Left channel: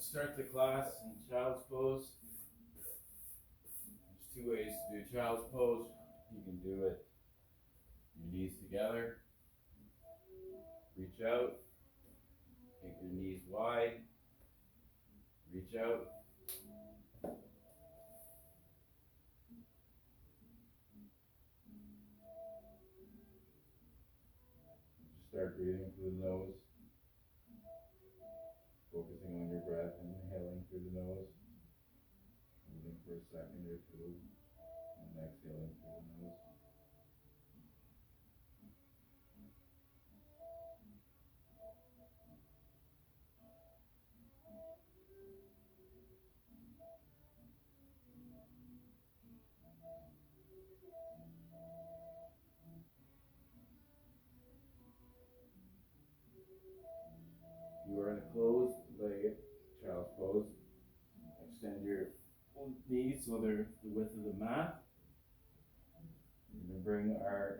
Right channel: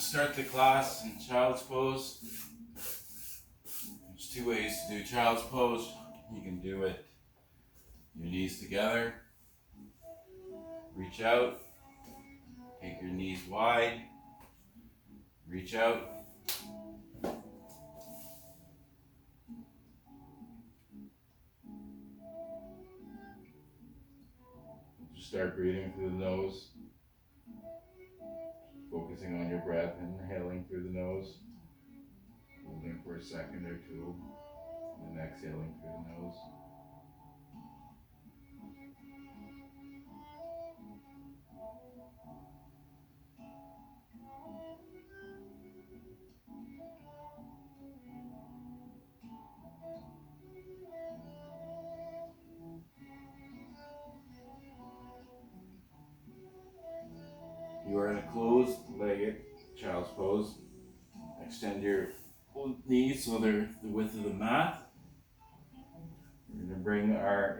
start the class in child's pose. There's two ways to do child's pose. You can do it your knees together, reach out, take your knees wide, reach out. Just start breathing through the nose, focusing on your breath, inhaling through the nose, holding for a second or two, and then exhaling through the nose. You are in a closed-legged child's pose. Extend your knees so they're the width of the mat. We're going to bring our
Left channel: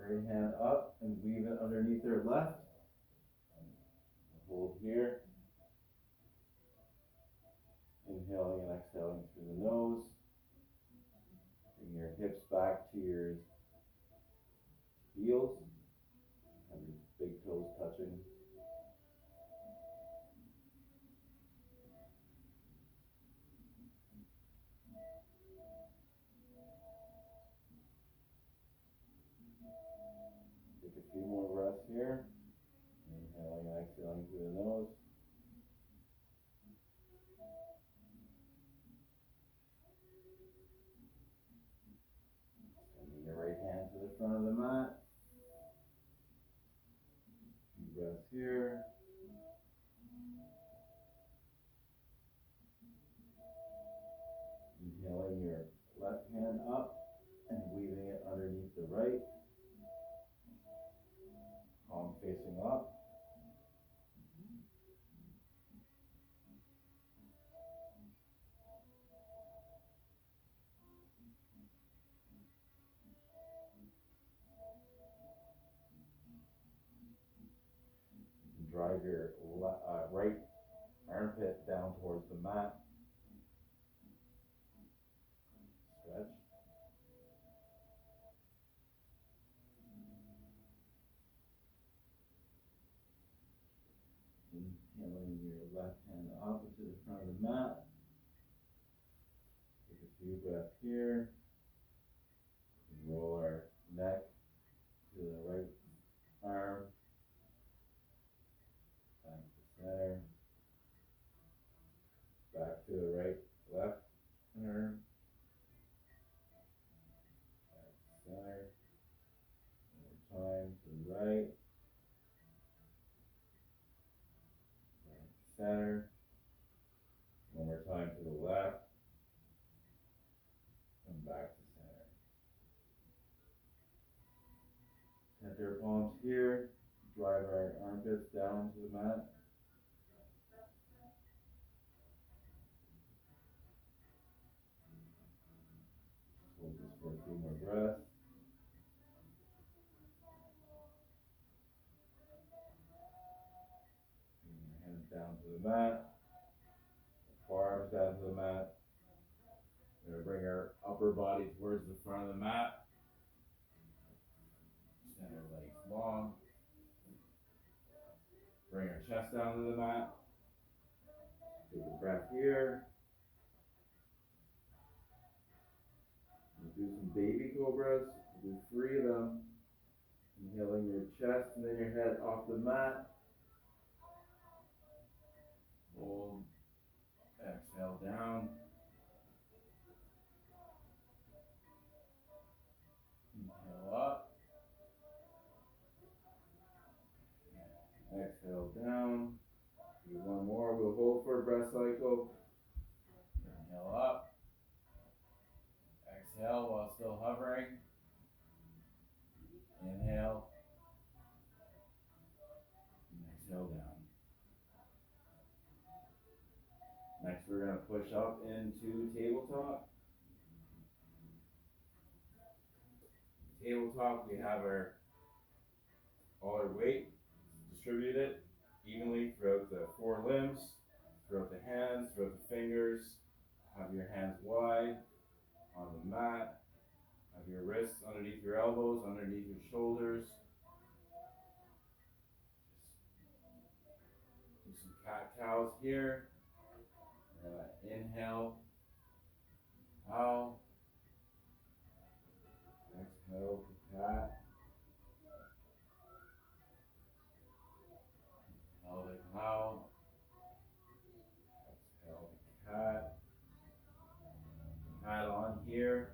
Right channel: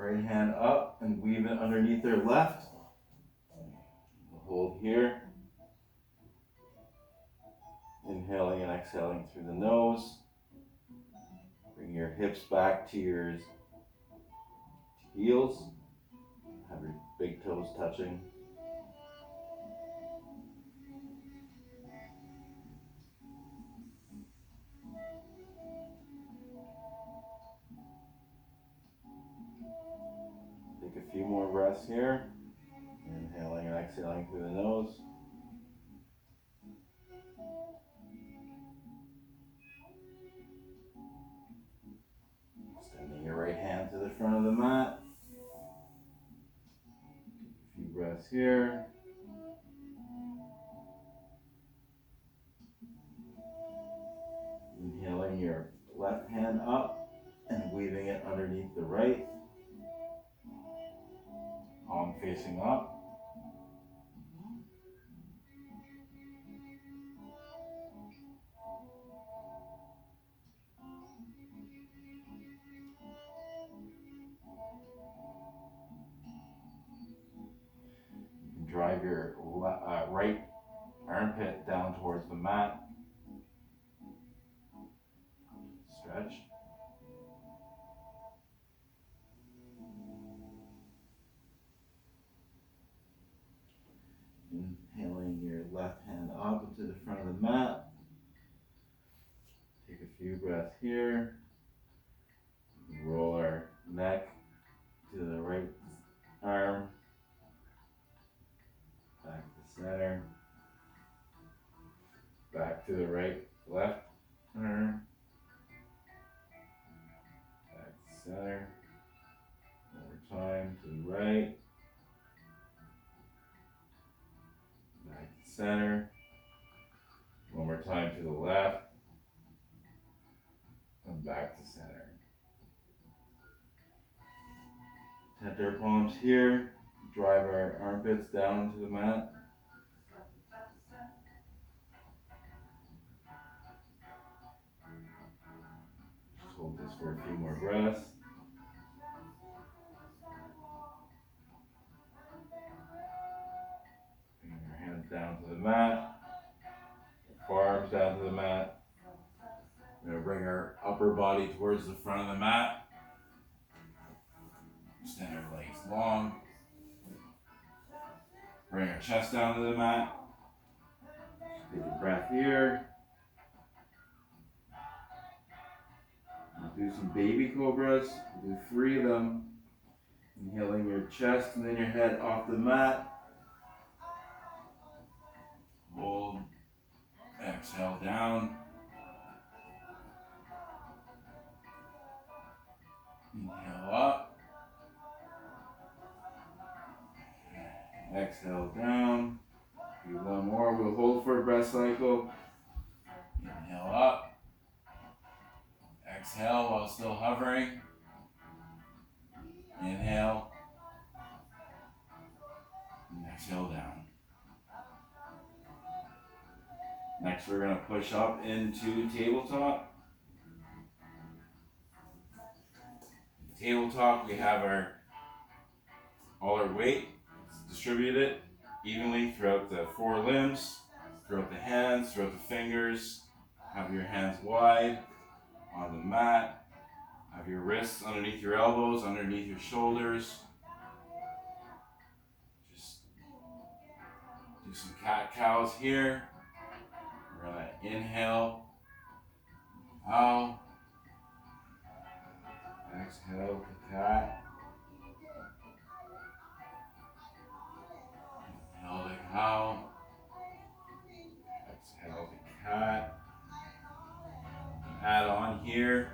right hand up and weave it underneath our left. We'll hold here. Inhaling and exhaling through the nose. Bring your hips back to your heels. Have your big toes touching. Take a few more breaths here. Inhaling and exhaling through the nose. Extending your right hand to the front of the mat. A few breaths here. Inhaling your left hand up and weaving it underneath the right. Palm facing up. You can drive your right armpit down towards the mat. Stretch. Inhaling your left hand up into the front of the mat. Take a few breaths here. Roll our neck to the right arm. Back to center. Back to the right, left arm. Back to center. One more time to the right. Back to center. One more time to the left. And back to center. Tap our palms here. Drive our armpits down to the mat. Just hold this for a few more breaths. Bring your hands down to the mat. Forearms down to the mat. We're going to bring our upper body towards the front of the mat. Extend our legs long. Bring our chest down to the mat. Take a breath here. We'll do some baby cobras. We'll do 3 of them. Inhaling your chest and then your head off the mat. Hold. Exhale down. Inhale up. Exhale down. Do one more. We'll hold for a breath cycle. Inhale up. Exhale while still hovering. Inhale. And exhale down. Next, we're going to push up into tabletop. Tabletop, we have all our weight distributed evenly throughout the 4 limbs, throughout the hands, throughout the fingers. Have your hands wide on the mat. Have your wrists underneath your elbows, underneath your shoulders. Just do some cat-cows here. We're going to inhale, cow. Exhale to cat. Inhale to cow. Exhale to cat. Add on here.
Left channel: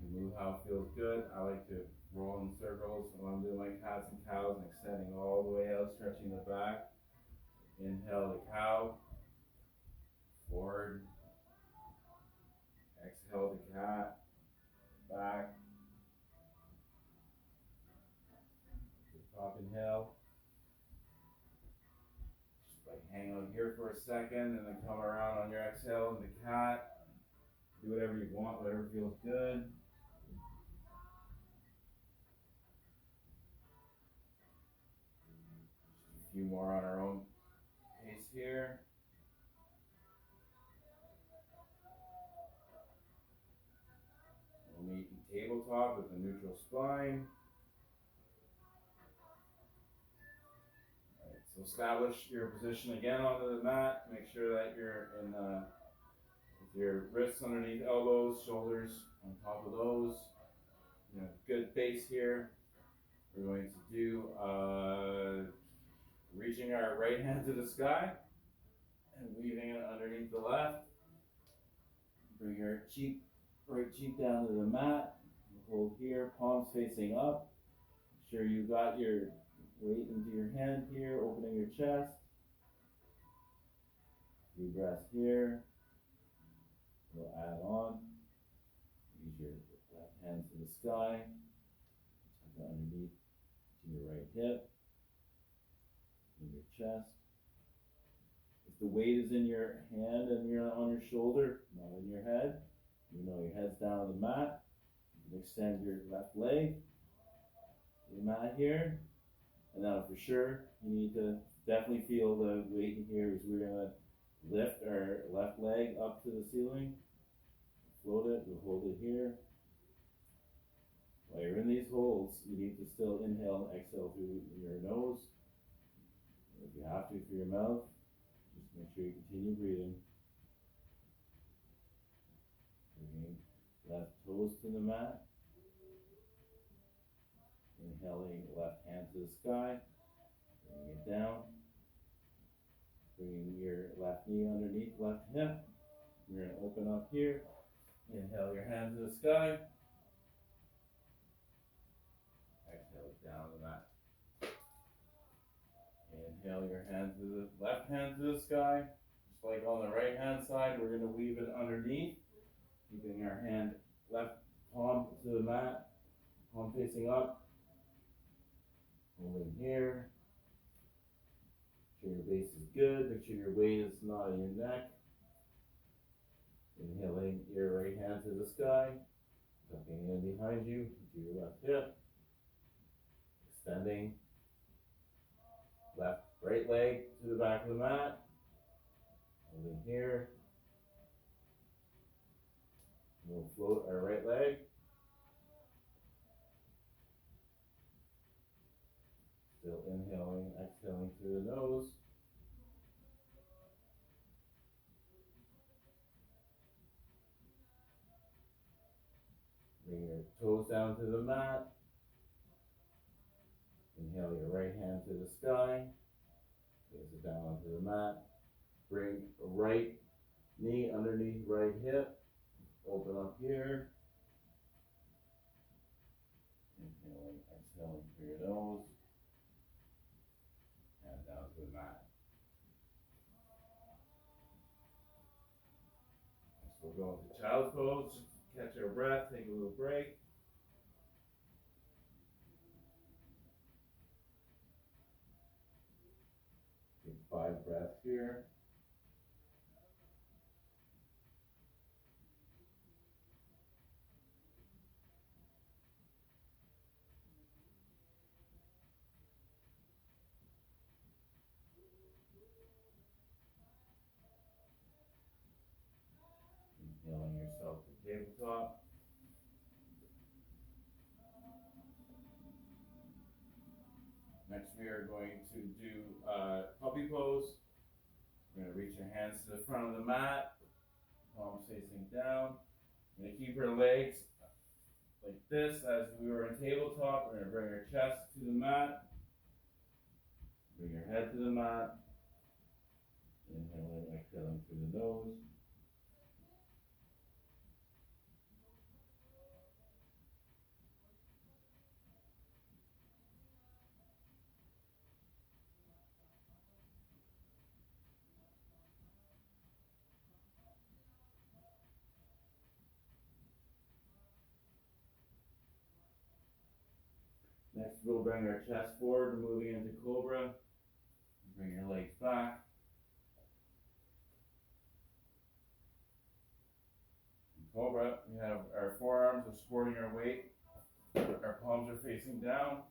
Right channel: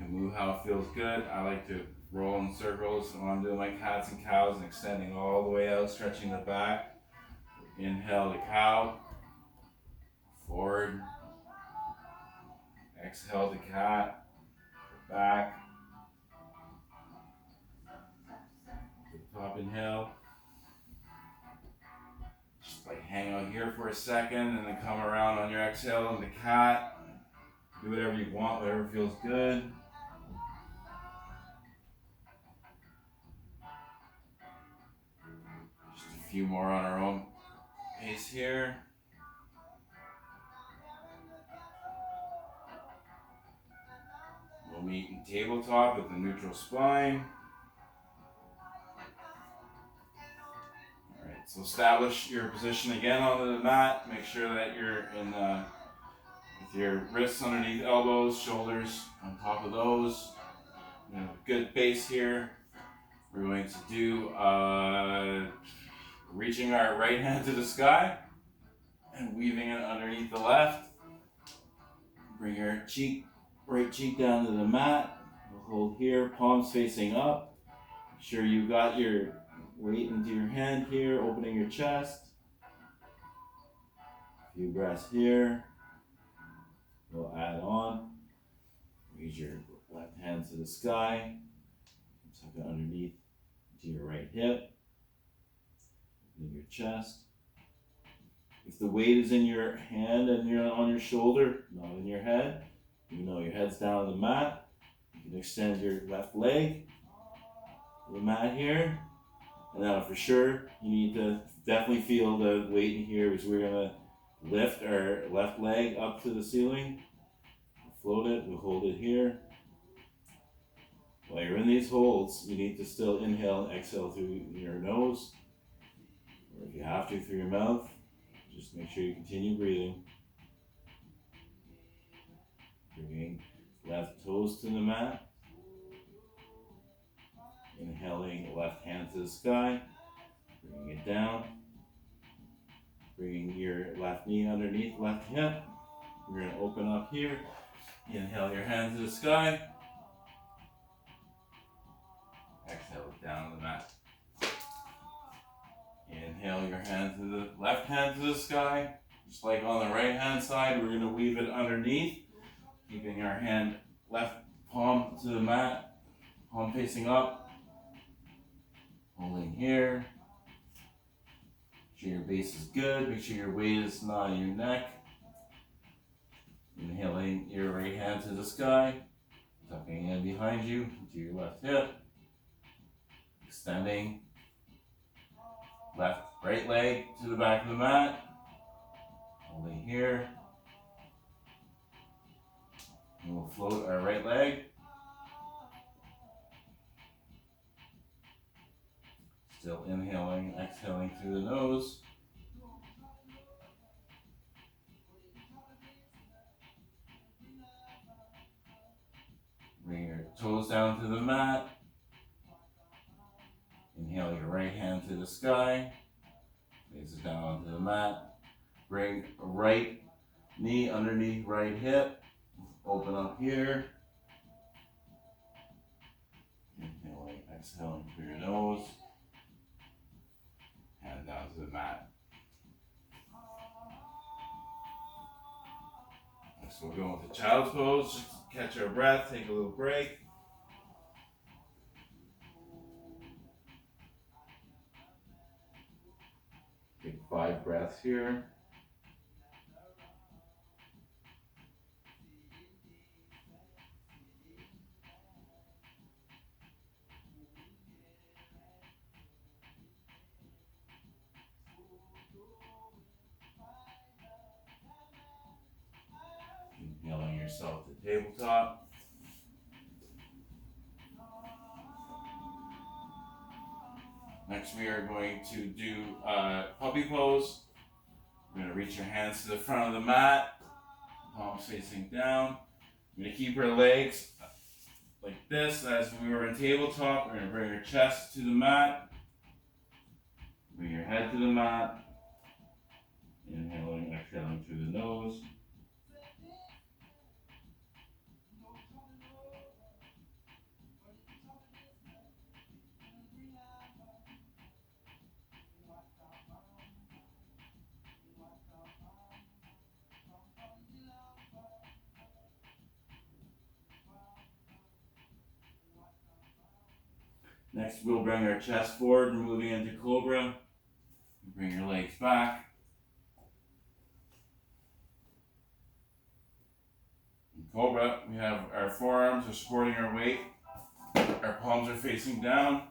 You can move how it feels good. I like to roll in circles when I'm doing my cats and cows and extending all the way out, stretching the back. Inhale to cow. Forward. Exhale to cat. Back. Top inhale. Just like hang out here for a second and then come around on your exhale into cat. Do whatever you want, whatever feels good. Just a few more on our own pace here. We'll meet in tabletop with the neutral spine. Alright, so establish your position again onto the mat. Make sure that you're in with your wrists underneath elbows, shoulders on top of those. You know, good base here. We're going to do reaching our right hand to the sky and weaving it underneath the left. Bring your right cheek down to the mat. We'll hold here, palms facing up. Make sure you got your weight into your hand here, opening your chest. A few breaths here. We'll add on. Raise your left hand to the sky. Tuck it underneath to your right hip. In your chest. If the weight is in your hand and you're on your shoulder, not in your head, you know your head's down on the mat. You can extend your left leg to the mat here. And now for sure, you need to definitely feel the weight in here because we're going to lift our left leg up to the ceiling. Float it, we'll hold it here. While you're in these holds, you need to still inhale and exhale through your nose. Or if you have to, through your mouth. Just make sure you continue breathing. Bringing left toes to the mat. Inhaling left hand to the sky. Bringing it down. Bringing your left knee underneath left hip. We're going to open up here. Inhale your hand to the sky. Exhale it down to the mat. Inhale your hand to the left hand to the sky. Just like on the right hand side, we're going to weave it underneath. Keeping our hand left palm to the mat. Palm facing up. Holding here. Make sure your base is good. Make sure your weight is not on your neck. Inhaling your right hand to the sky. Tucking in behind you to your left hip. Extending right leg to the back of the mat. Holding here. And we'll float our right leg. Still inhaling, exhaling through the nose. Bring your toes down to the mat. Inhale your right hand to the sky. Face it down onto the mat. Bring right knee underneath right hip. Open up here. Inhaling, exhaling through your nose. And down to the mat. Next we'll go into child's pose. Just catch our breath, take a little break. Take 5 breaths here. yourself to tabletop. Next we are going to do puppy pose. We're going to reach your hands to the front of the mat, palms facing down. We're going to keep our legs like this as we were in tabletop. We're going to bring our chest to the mat. Bring your head to the mat. Inhaling, exhaling through the nose. Next, we'll bring our chest forward, moving into cobra. Bring your legs back. In cobra, we have our forearms are supporting our weight. Our palms are facing down.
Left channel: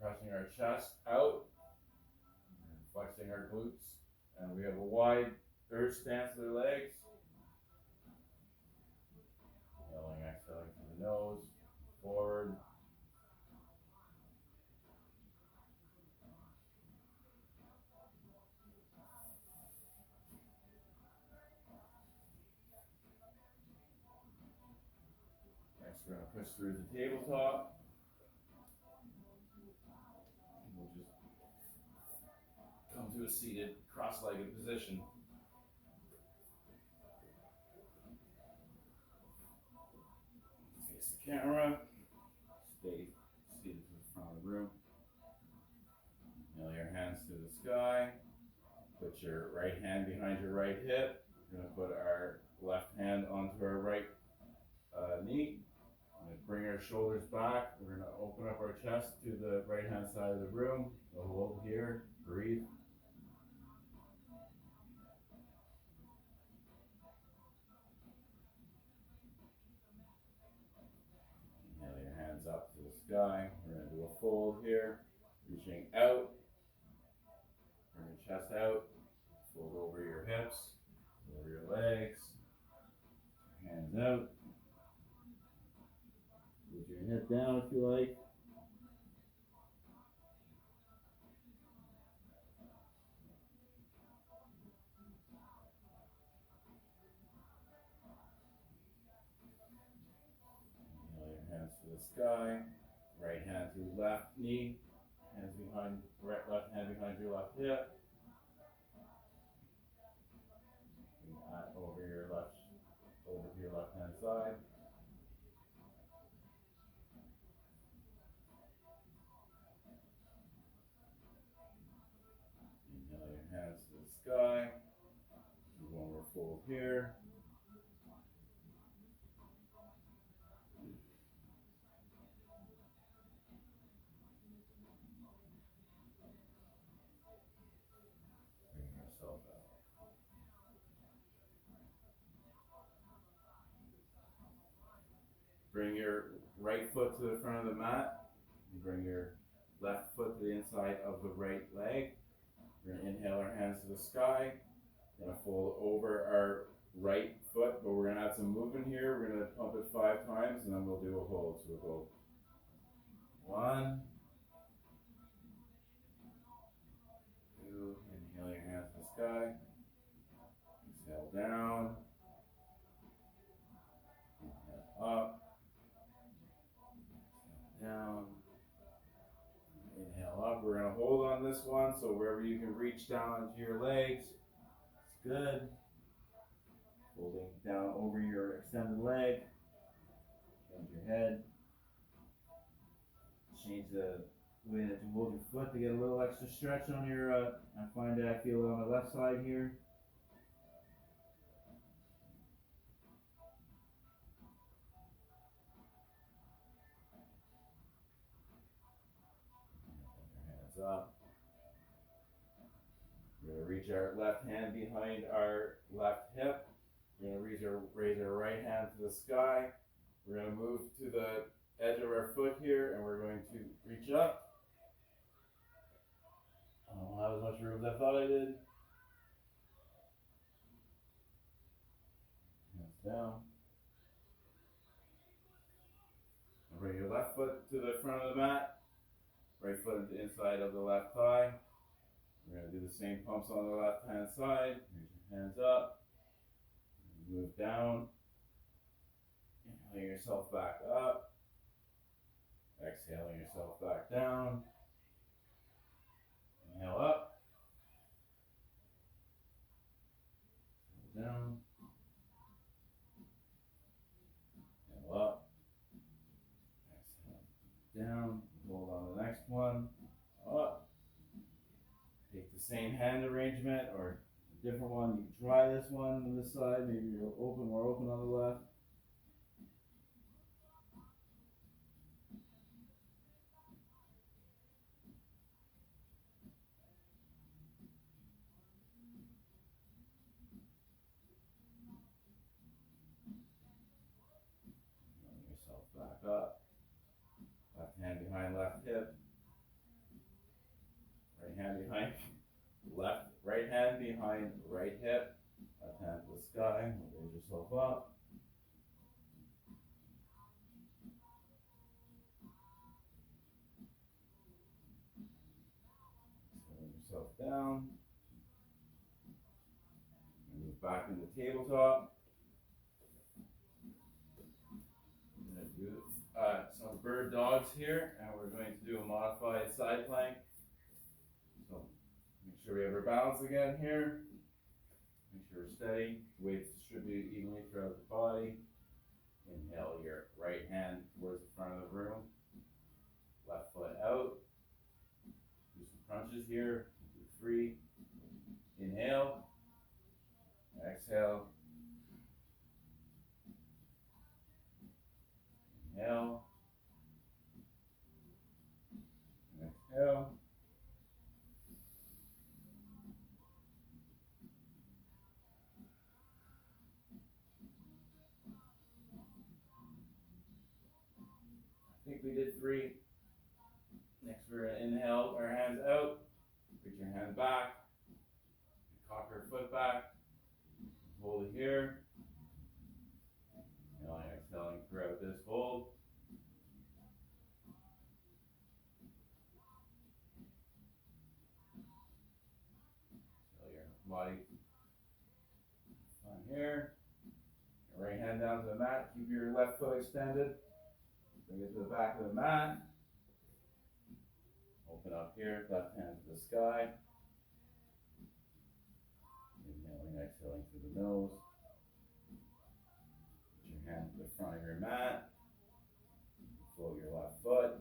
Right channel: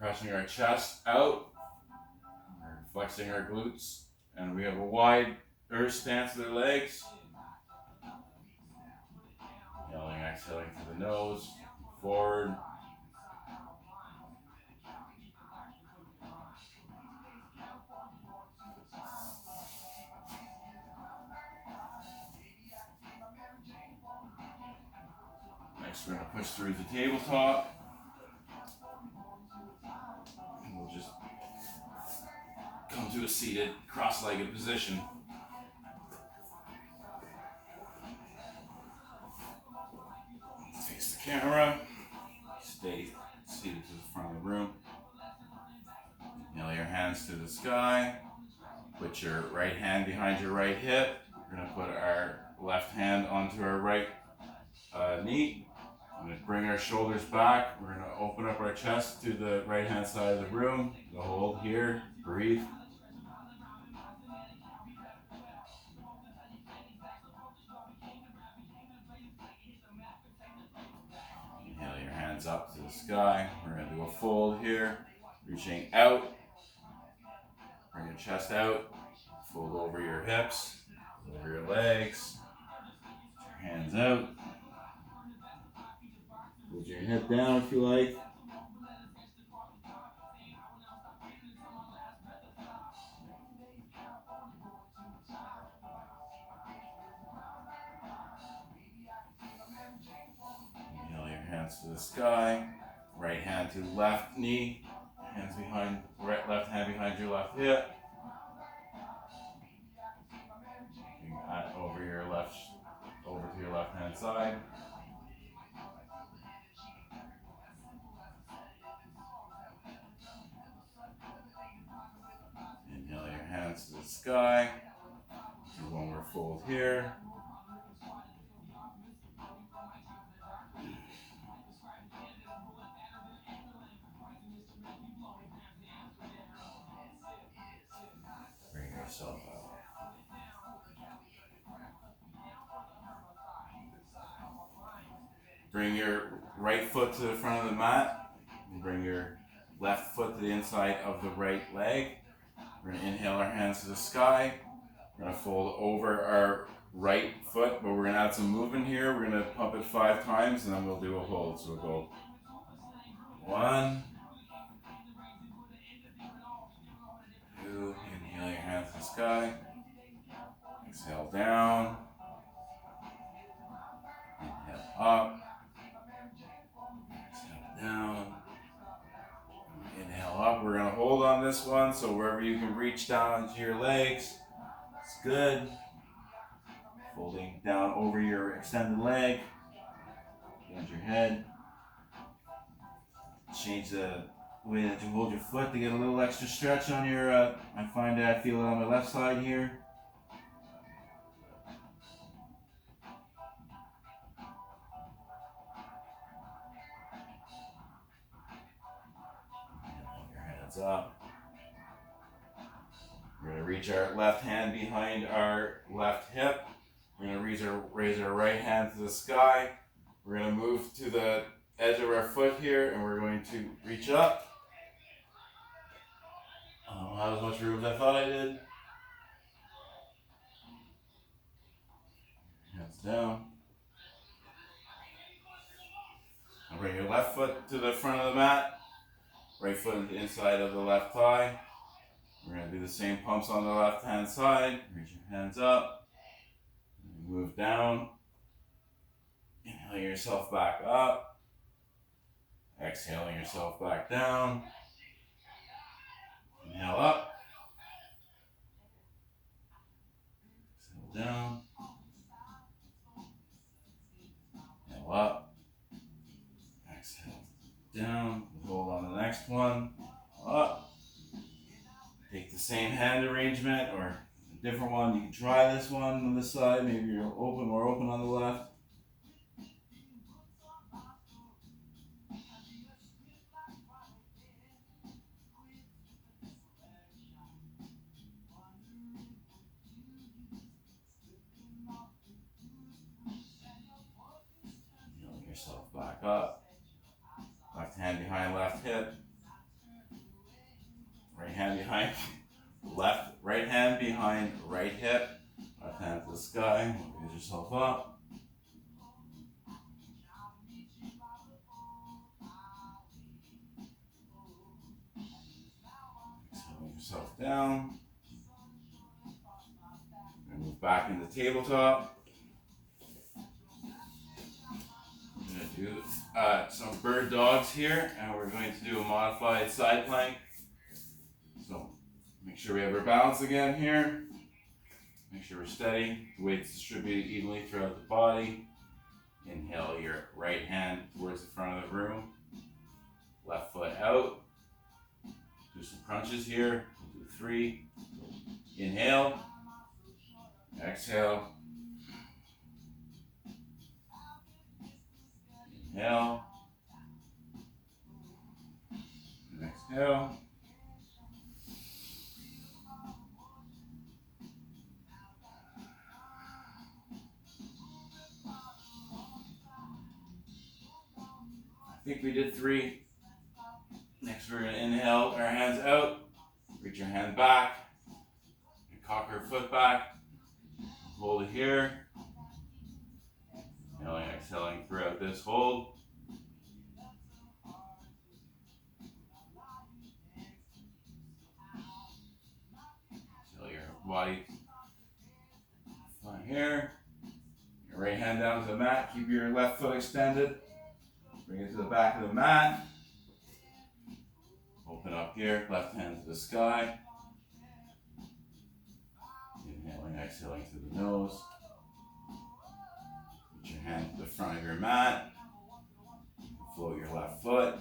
Pressing our chest out. We're flexing our glutes. And we have a wide earth stance with our legs. Inhaling, exhaling through the nose. Forward. Next, we're going to push through the tabletop. And we'll just come to a seated, cross-legged position. Face the camera. Stay seated to the front of the room. Inhale your hands to the sky. Put your right hand behind your right hip. We're going to put our left hand onto our right knee. I'm going to bring our shoulders back. We're going to open up our chest to the right hand side of the room. We'll hold here. Breathe. Inhale your hands up to the sky. We're going to do a fold here. Reaching out. Bring your chest out. Fold over your hips. Over your legs. Put your hands out. Hold your head down if you like. Inhale your hands to the sky. Right hand to the left knee. Hands behind, left hand behind your left hip. Over to your left hand side. Inhale your hands to the sky. Do one more fold here. Bring yourself up. Bring your right foot to the front of the mat. And bring your left foot to the inside of the right leg. We're going to inhale our hands to the sky. We're going to fold over our right foot, but we're going to add some movement here. We're going to pump it 5 times and then we'll do a hold. So we'll go 1, 2, inhale your hands to the sky. Exhale down. Inhale up. Exhale down. Inhale up. We're going to hold on this one, so wherever you can reach down into your legs, it's good. Folding down over your extended leg. Bend your head. Change the way that you hold your foot to get a little extra stretch on your, I find that I feel it on my left side here. Your hands up. We're going to reach our left hand behind our left hip. We're going to raise our right hand to the sky. We're going to move to the edge of our foot here and we're going to reach up. I don't have as much room as I thought I did. Hands down. Now bring your left foot to the front of the mat. Right foot on the inside of the left thigh. We're going to do the same pumps on the left hand side. Reach your hands up. Move down. Inhaling yourself back up. Exhaling yourself back down. Inhale up. Exhale down. Inhale up. Exhale down. Hold on to the next one. Up. Take the same hand arrangement or a different one. You can try this one on this side. Maybe you're more open on the left. Healing yourself back up. Left hand behind left hip. Right hand behind left. Right hand behind right hip. Left hand to the sky. Raise yourself up. Exhaling yourself down. And move back into tabletop. We're going to do some bird dogs here, and we're going to do a modified side plank. So make sure we have our balance again here. Make sure we're steady. The weight's distributed evenly throughout the body. Inhale your right hand towards the front of the room. Left foot out. Do some crunches here. We'll do 3. Inhale. Exhale. Inhale. And exhale. I think we did 3. Next we're going to inhale our hands out. Reach your hand back. And cock our foot back. Hold it here. Inhaling, exhaling throughout this hold. Feel your body fine here. Your right hand down to the mat. Keep your left foot extended. Bring it to the back of the mat. Open up here. Left hand to the sky. Inhaling, exhaling through the nose. Put your hand to the front of your mat. Float your left foot.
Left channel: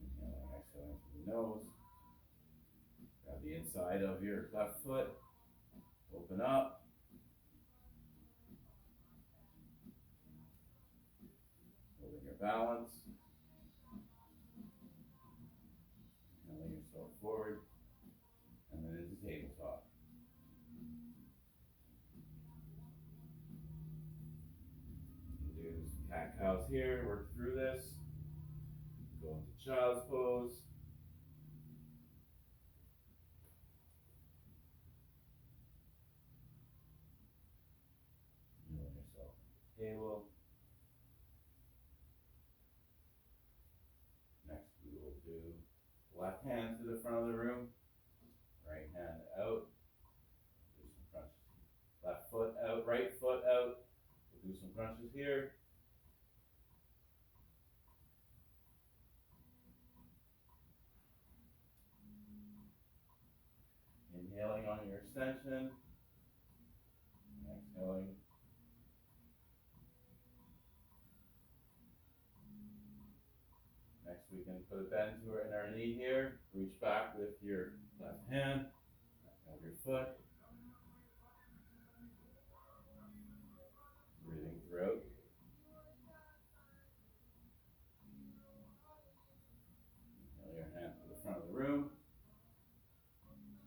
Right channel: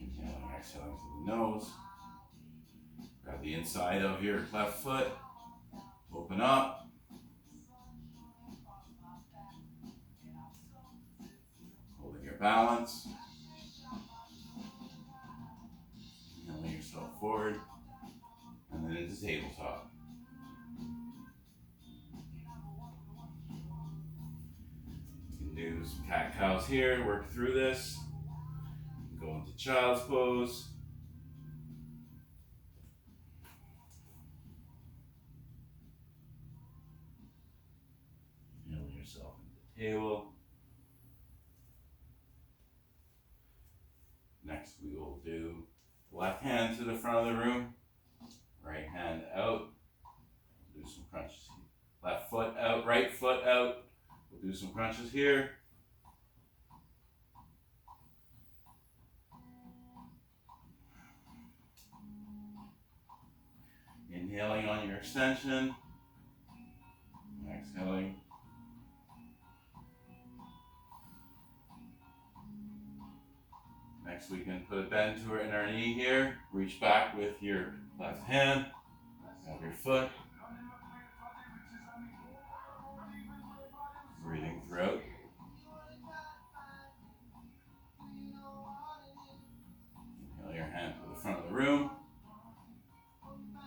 Inhaling, exhaling through the nose. Grab the inside of your left foot. Open up. Holding your balance. Inhaling yourself forward. And then into tabletop. You can do some cat-cows here, work through this. Go into child's pose. Kneel yourself into the table. Next we will do left hand to the front of the room. Right hand out. We'll do some crunches. Left foot out, right foot out. We'll do some crunches here. Inhaling on your extension. Exhaling. Next we can put a bend to in our knee here. Reach back with your left hand. Grab your foot. Breathing through. Inhale your hand to the front of the room.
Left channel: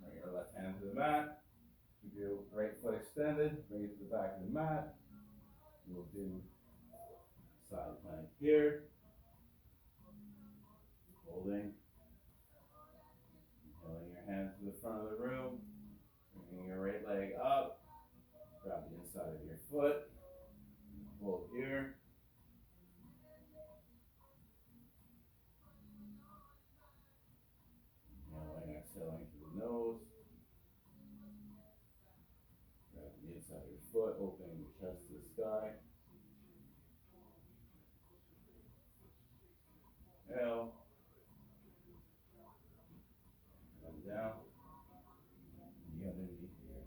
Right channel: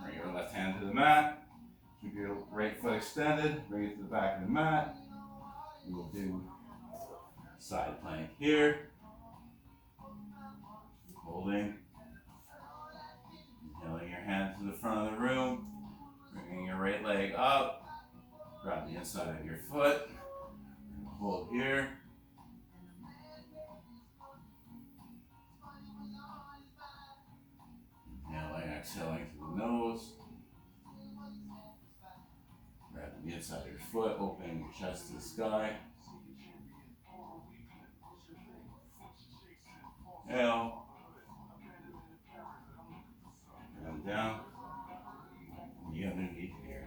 Bring your left hand to the mat. Keep your right foot extended. Bring it to the back of the mat. We will do side plank here. Holding. Inhaling your hand to the front of the room. Bringing your right leg up. Grab the inside of your foot. Hold here. Inhaling, exhaling through the nose. Grabbing the inside of your foot, opening your chest to the sky. Inhale. And down. Knee underneath here.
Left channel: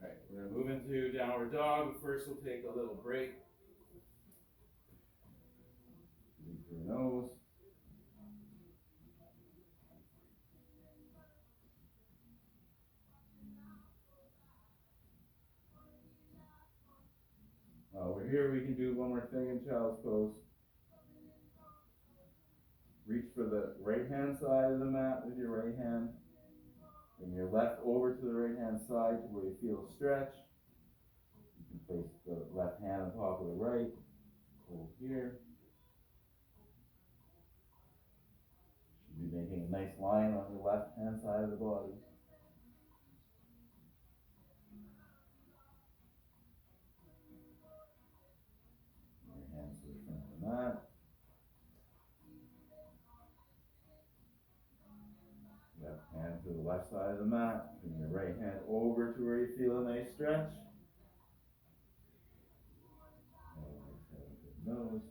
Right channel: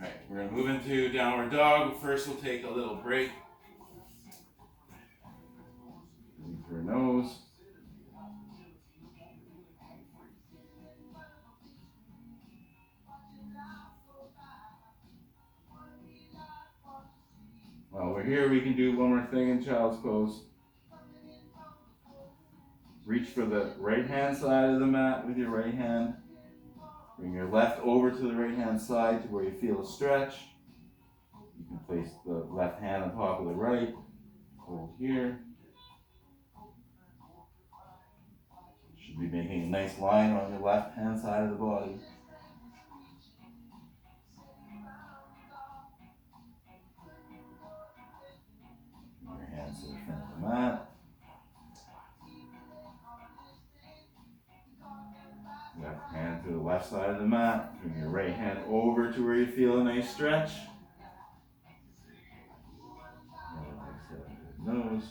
Alright, we're going to move into downward dog. First, we'll take a little break. Breathe through your nose. While we're here, we can do one more thing in child's pose. Reach for the right hand side of the mat with your right hand. Bring your left over to the right hand side to where you feel a stretch. You can place the left hand on top of the right. Hold here. You should be making a nice line on your left hand side of the body. Bring your hands to the front of the mat. Left hand to the left side of the mat. Bring your right hand over to where you feel a nice stretch. Nose.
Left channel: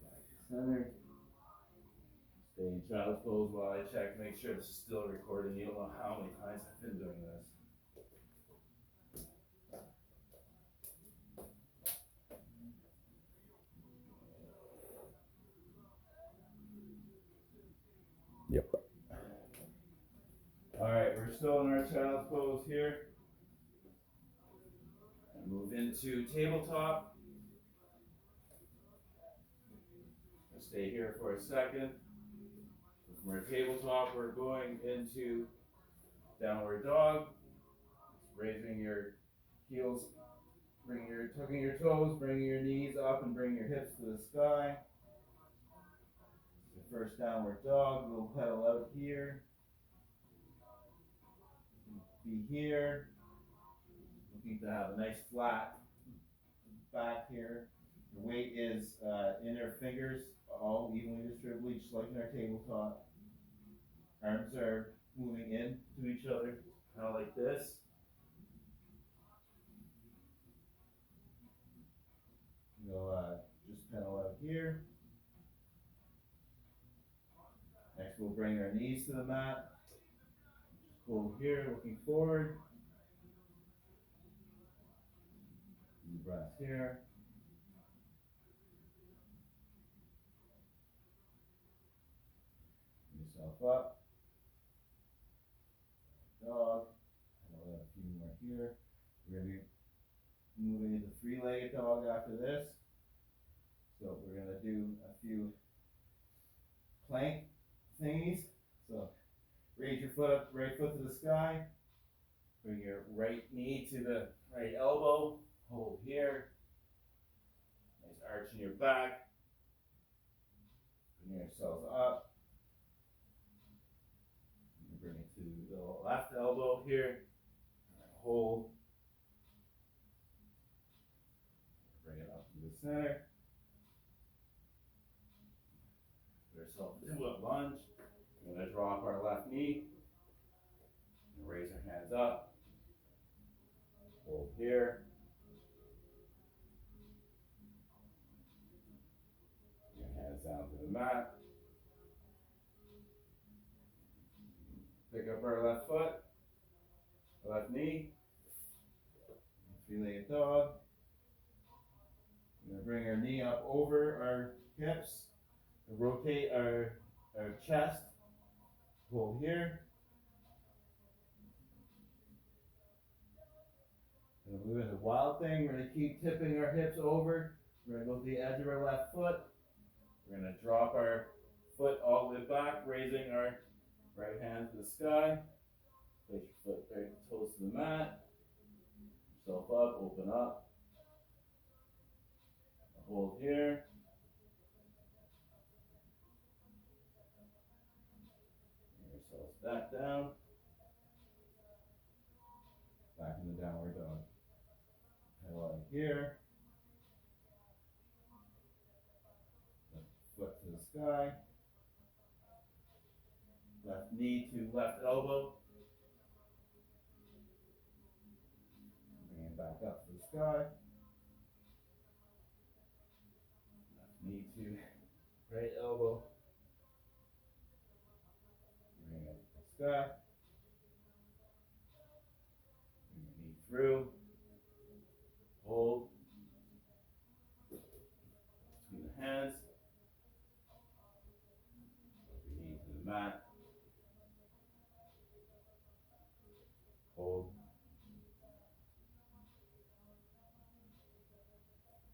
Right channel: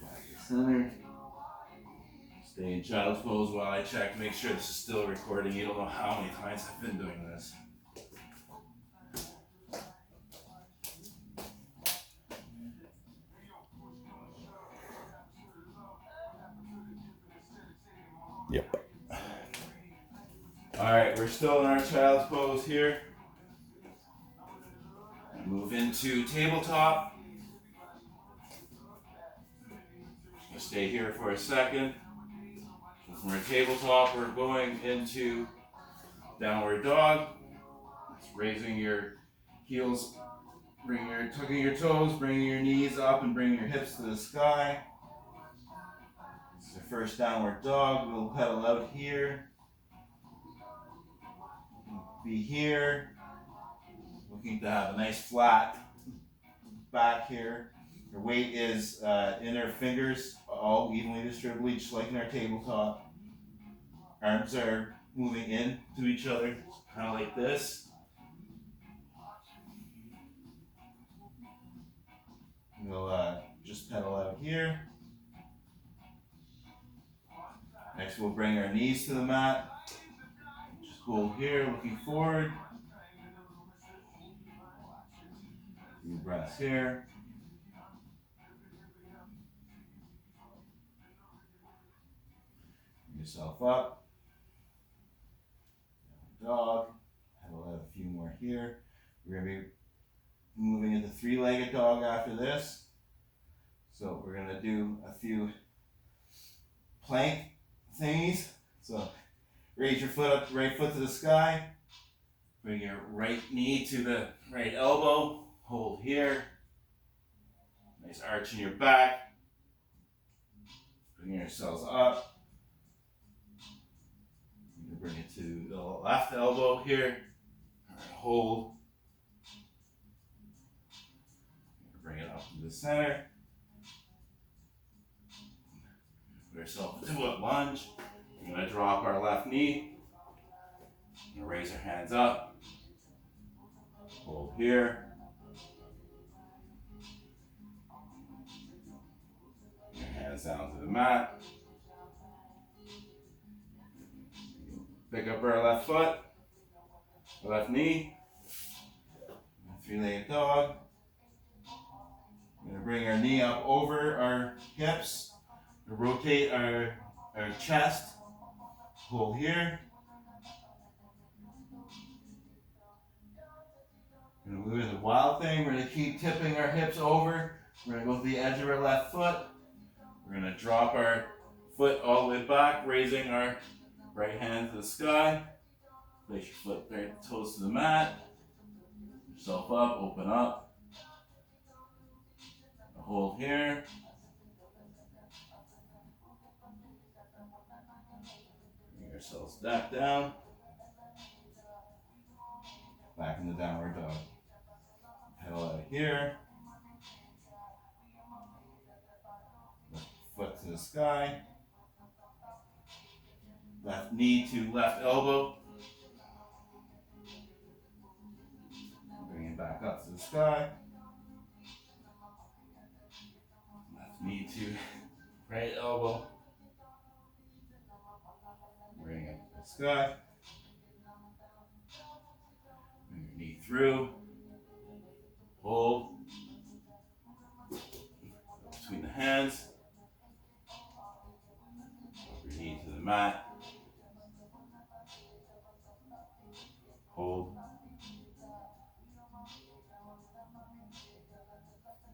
Back to center. Stay in child's pose while I check. Make sure this is still recording. You don't know how many times I've been doing this. Yep. Alright, we're still in our child's pose here. Move into tabletop. Just stay here for a second. So from our tabletop, we're going into downward dog. It's raising your heels, tucking your toes, bringing your knees up and bringing your hips to the sky. The first downward dog, we'll pedal out here. Be here. Looking to have a nice flat back here. Your weight is inner fingers, all evenly distributed, just like in our tabletop. Arms are moving in to each other, kind of like this. We'll just pedal out here. Next, we'll bring our knees to the mat. Just hold here, looking forward. Few breaths here. Bring yourself up. Dog. Pedal out a few more here. We're going to be moving into three-legged dog after this. So we're going to do a few plank thingies. So raise your foot up, right foot to the sky. Bring your right knee to the right elbow. Hold here. Nice arch in your back. Bring yourselves up. You can bring it to the left elbow here. Hold. Bring it up to the center. Put ourselves into a lunge. We're going to drop our left knee. We're going to raise our hands up. Hold here. Your hands down to the mat. Pick up our left foot, left knee. Three-legged dog. We're going to bring our knee up over our hips. Rotate our chest. Hold here. We're going to move into wild thing. We're going to keep tipping our hips over. We're going to go to the edge of our left foot. We're going to drop our foot all the way back, raising our right hand to the sky. Place your foot right toes to the mat. Yourself up, open up. Hold here. ourselves back down. Back in the downward dog. Pedal out of here. Left foot to the sky. Left knee to left elbow. Bring it back up to the sky. Left knee to right elbow. Bring it to the sky. Bring your knee through. Hold. Between the hands. Your knee to the mat. Hold.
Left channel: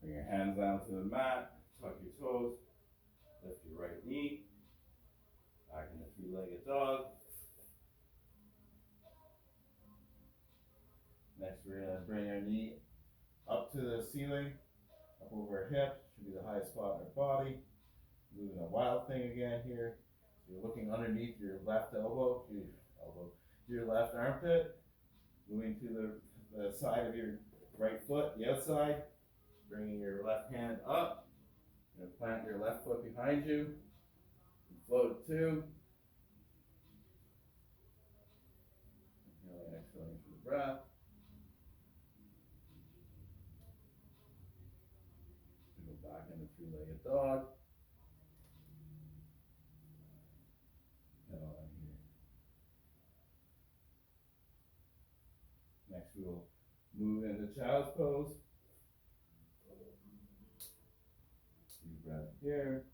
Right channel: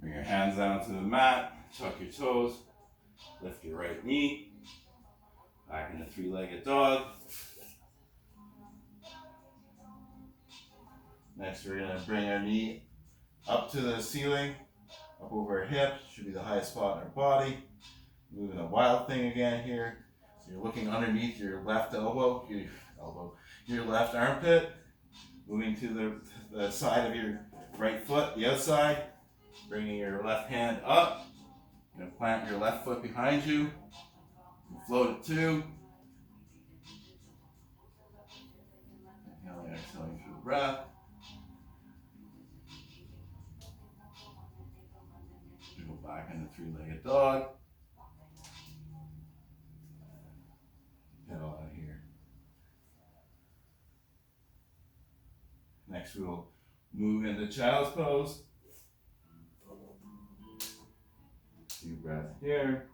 Bring your hands down to the mat. Tuck your toes. Lift your right knee. Back in the three-legged dog. Next, we're going to bring our knee up to the ceiling, up over our hip. Should be the highest spot in our body. Moving a wild thing again here. So you're looking underneath your left elbow, your left armpit. Moving to the side of your right foot, the outside. Bringing your left hand up. You're going to plant your left foot behind you. Float it too. Inhaling, exhaling through the breath. We go back into three-legged dog. Pedal out of here. Next, we'll move into child's pose. Deep breath here.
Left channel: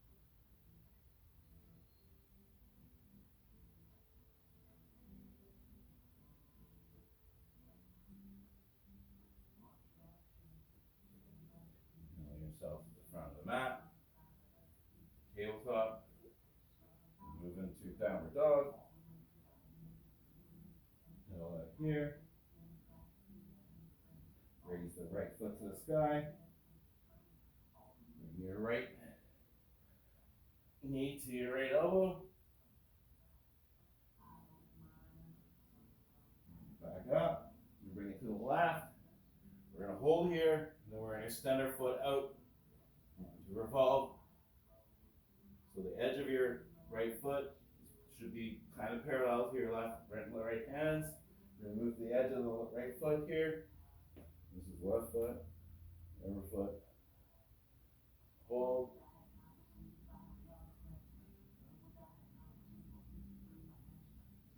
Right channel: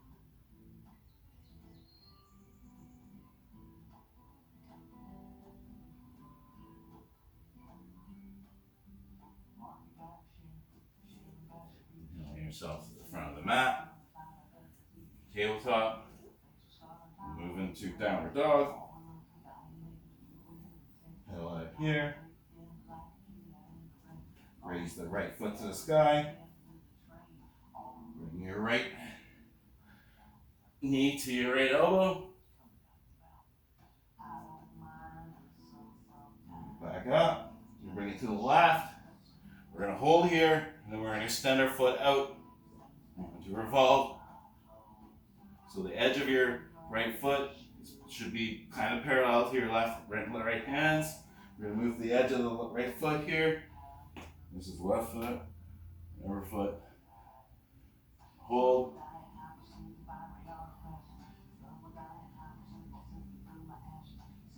Inhaling yourself to the front of the mat. Tabletop. Move into downward dog. Pedal out here. Raise the right foot to the sky. Bring your right knee to your right elbow. Back up. You bring it to the left. We're going to hold here, and then we're going to extend our foot out to revolve. So the edge of your right foot should be kind of parallel to your right hands. We're going to move the edge of the right foot here. This is left foot, over foot. Hold.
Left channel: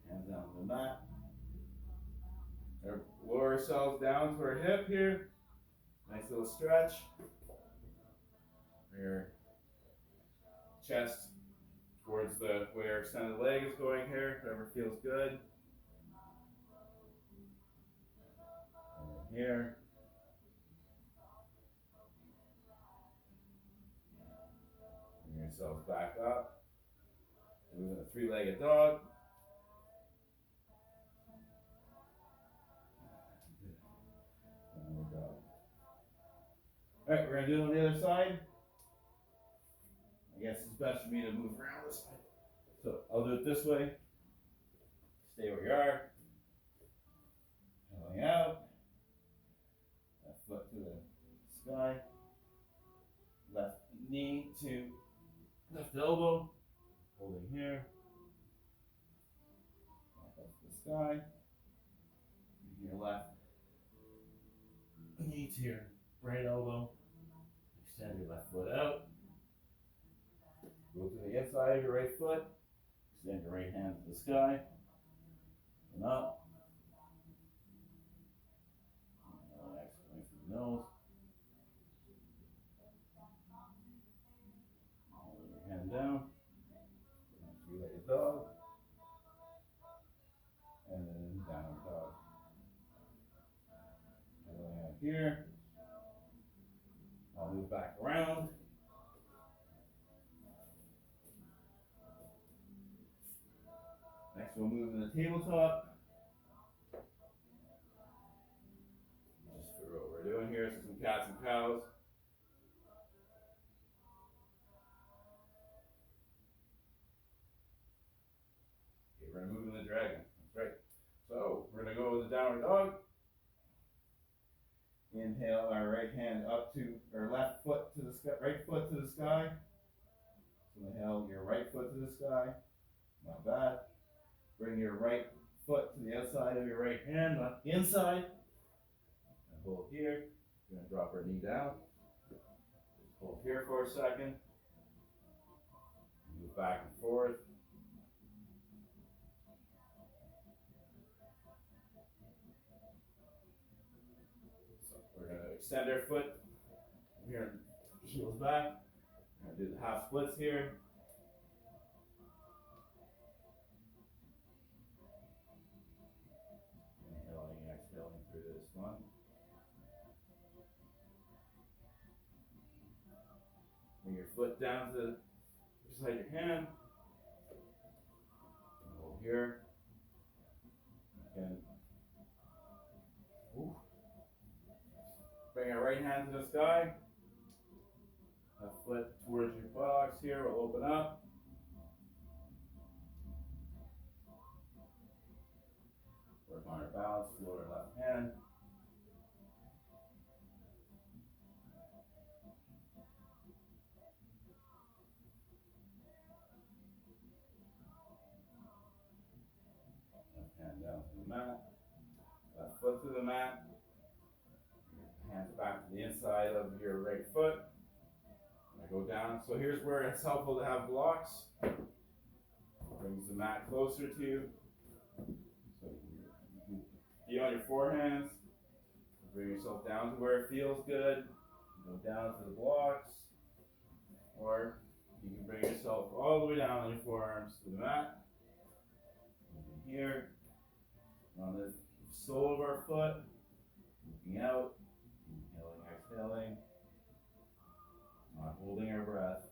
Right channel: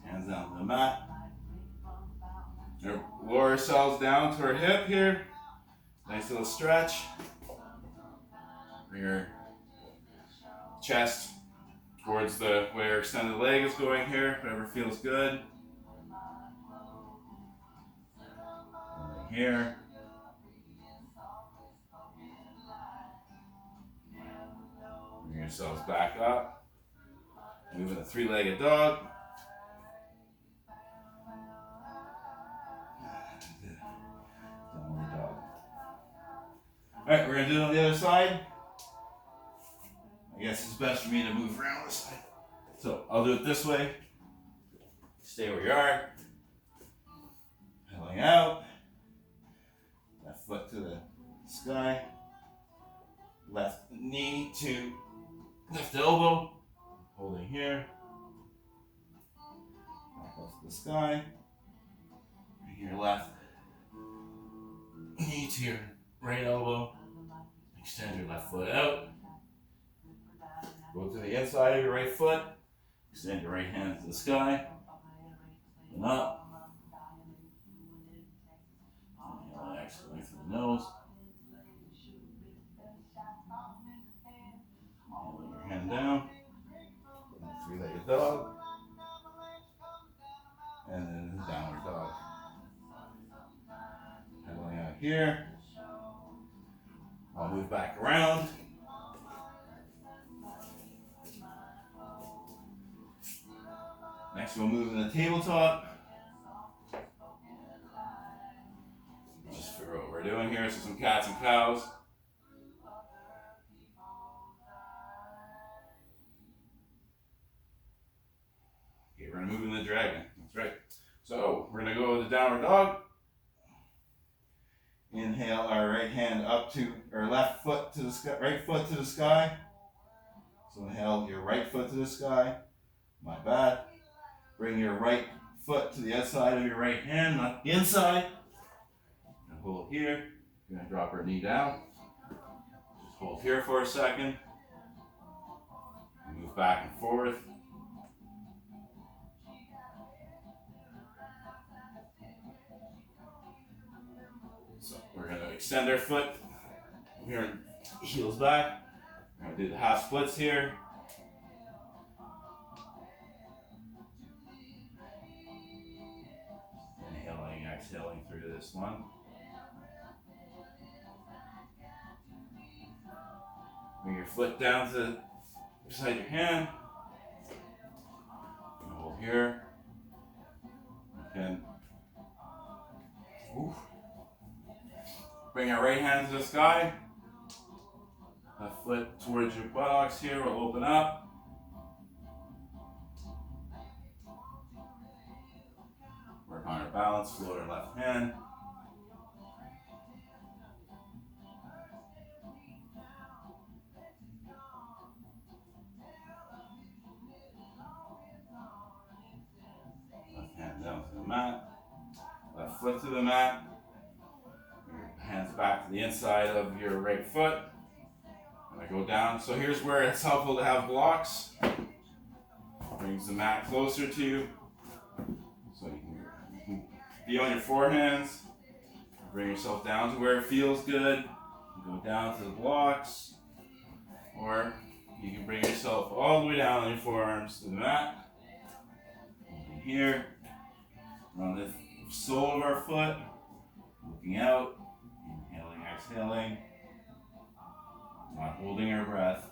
Hands down to the mat. Lower ourselves down to our hip here. Nice little stretch. Bring your chest towards where your extended leg is going here, whatever feels good. Here. Bring yourselves back up. Moving a three-legged dog. Downward dog. Alright, we're going to do it on the other side. I guess it's best for me to move around this side. So I'll do it this way. Stay where you are. Pedaling out. Left foot to the sky. Left knee to left elbow. Holding here. Back up to the sky. Bring your left knee to your right elbow. Extend your left foot out. Go to the inside of your right foot. Extend your right hand to the sky. And up. Inhale and exhaling through the nose. Inhaling your hand down. Three-legged dog. And then downward dog. Pedaling out here. I'll move back around. Next we'll move in the tabletop. Just figure out what we're doing here. So some cats and cows. Okay, we're going to downward dog. Inhale our right hand up to, or left foot to the sky, right foot to the sky. So inhale your right foot to the sky. My bad. Bring your right foot to the outside of your right hand, not the inside. And hold here. You're going to drop our knee down. Just hold here for a second. Move back and forth. So we're going to extend our foot. We're going to heels back. We're going to do the half splits here. Inhaling, exhaling through this one. Bring your foot down to beside your hand. Hold here. And bring our right hand to the sky. Left foot towards your buttocks here. We'll open up. Work on our balance. Float our left hand. Left hand down to the mat. Left foot to the mat. Your hands back to the inside of your right foot. And I go down. So here's where it's helpful to have blocks. Brings the mat closer to you. So you can be on your forehands. Bring yourself down to where it feels good. Go down to the blocks. Or you can bring yourself all the way down on your forearms to the mat. Holding here. We're on the sole of our foot. Looking out. Inhaling, exhaling. Not holding our breath.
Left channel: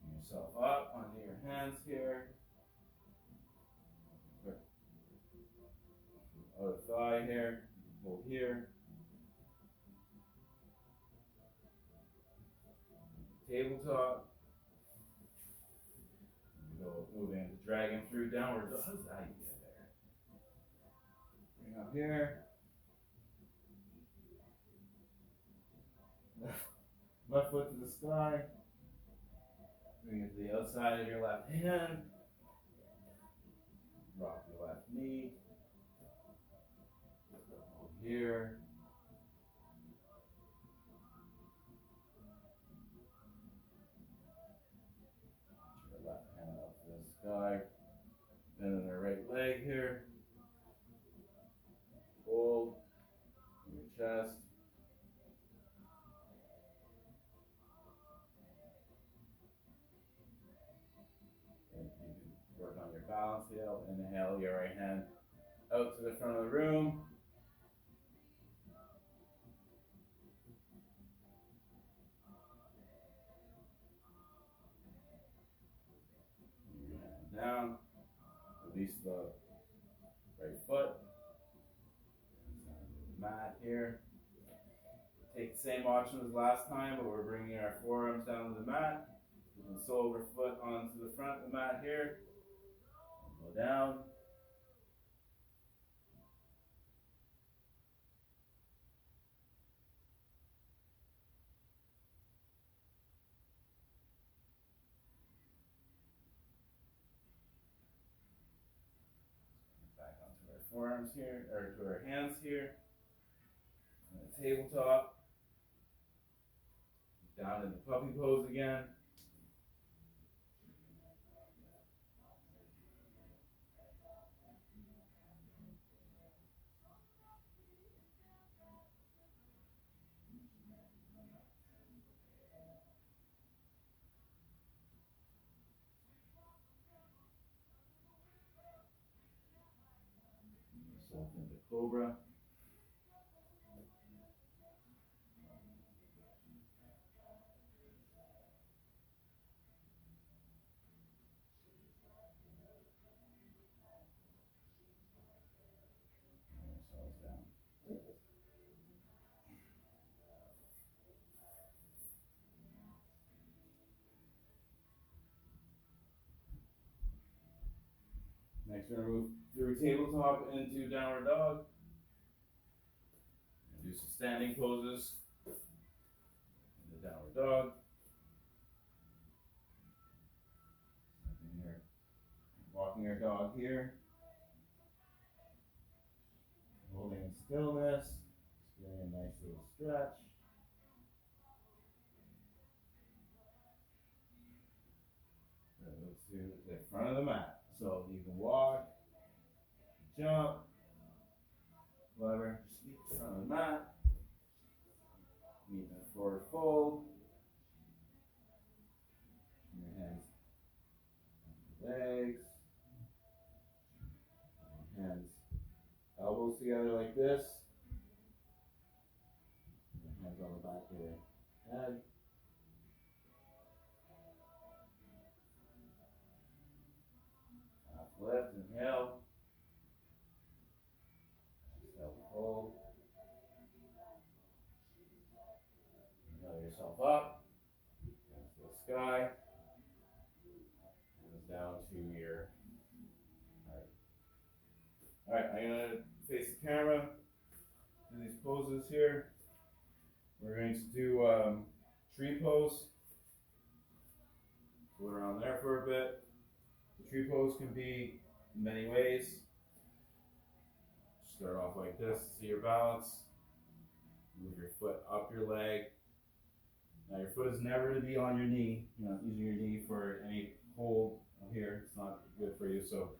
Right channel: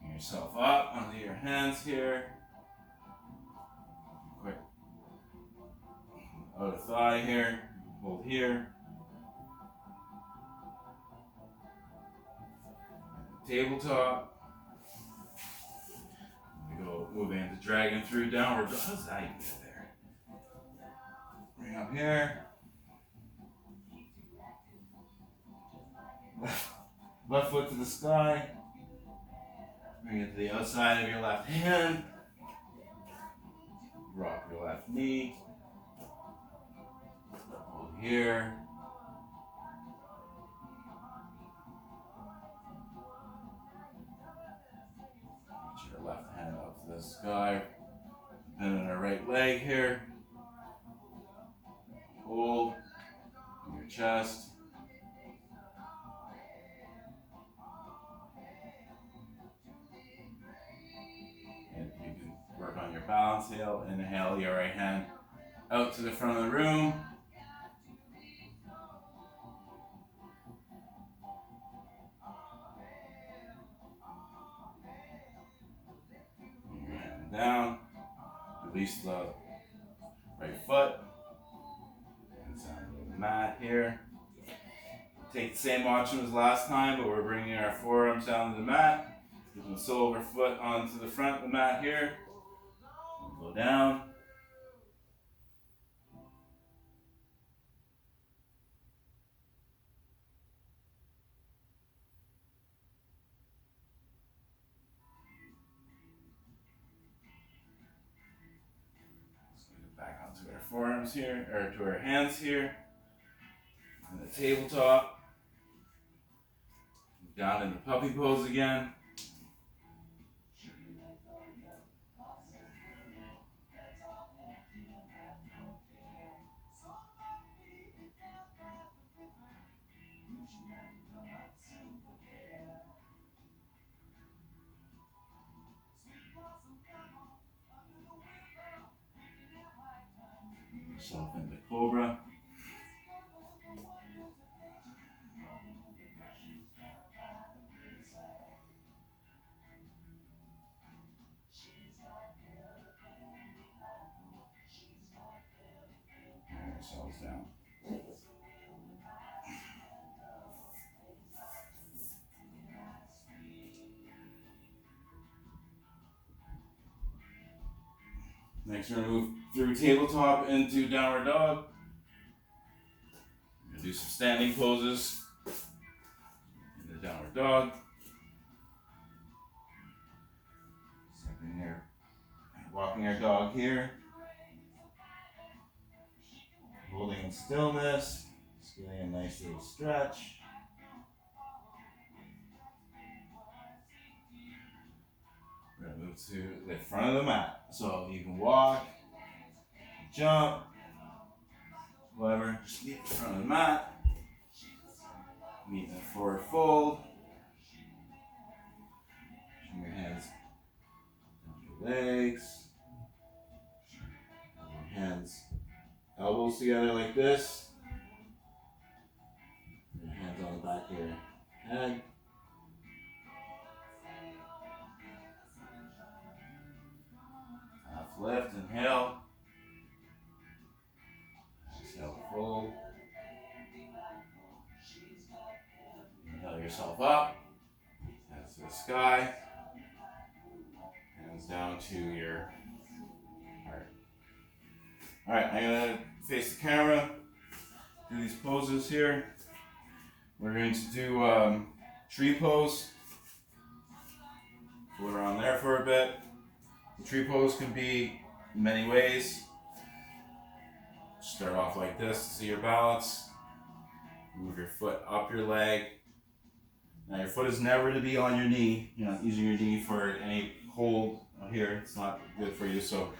Bring yourself up onto your hands here. Quick. Outer thigh here. Hold here. Tabletop. We go moving into dragon through downward. How's that even get there? Bring up here. Left foot to the sky. Bring it to the outside of your left hand. Drop your left knee. Hold here. Reach your left hand up to the sky. Bend on our right leg here. Hold in your chest. And you can work on your balance. Inhale your right hand out to the front of the room. And down. Release the right foot. And down to the mat here. Take the same option as last time, but we're bringing our forearms down to the mat. Getting the sole of our foot onto the front of the mat here. Go down. Back onto our forearms here, or to our hands here. And the tabletop. Down into puppy pose again. Yourself into cobra. Yourselves down. Next, we're going to move through tabletop into downward dog. We're going to do some standing poses in the downward dog. Something here. Walking our dog here. Holding in stillness. Just getting a nice little stretch. We're going to move to the front of the mat. So you can walk, jump, whatever, just meet in front of the mat. Meet in a forward fold. Bring your hands down your legs. Your hands, elbows together like this. Your hands on the back of your head. Half lift, inhale. Exhale, fold. Inhale yourself up. Hands to the sky. Hands down to your heart. Alright, I'm going to face the camera. Do these poses here. We're going to do tree pose. Float around there for a bit. The tree pose can be many ways. Start off like this to see your balance. Move your foot up your leg. Now your foot is never to be on your knee. You're not using your knee for any hold here. It's not good for you. So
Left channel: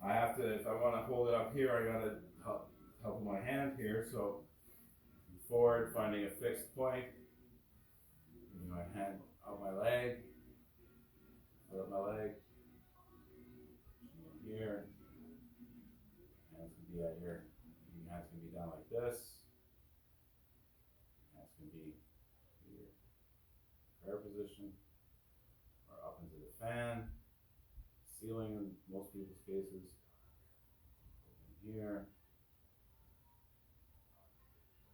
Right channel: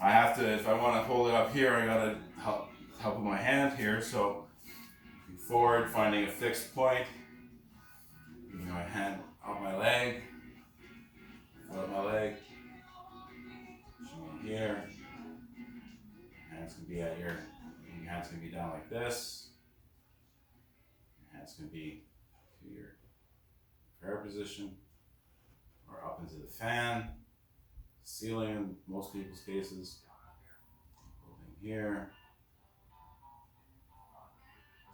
I have to, if I want to hold it up here, I gotta help with my hand here. So forward, finding a fixed point. Moving my hand up my leg. Foot up my leg. Here. Hands can be at your hands can be down like this. Your hands can be to your prayer position or up into the fan, ceiling in most people's cases. Holding here.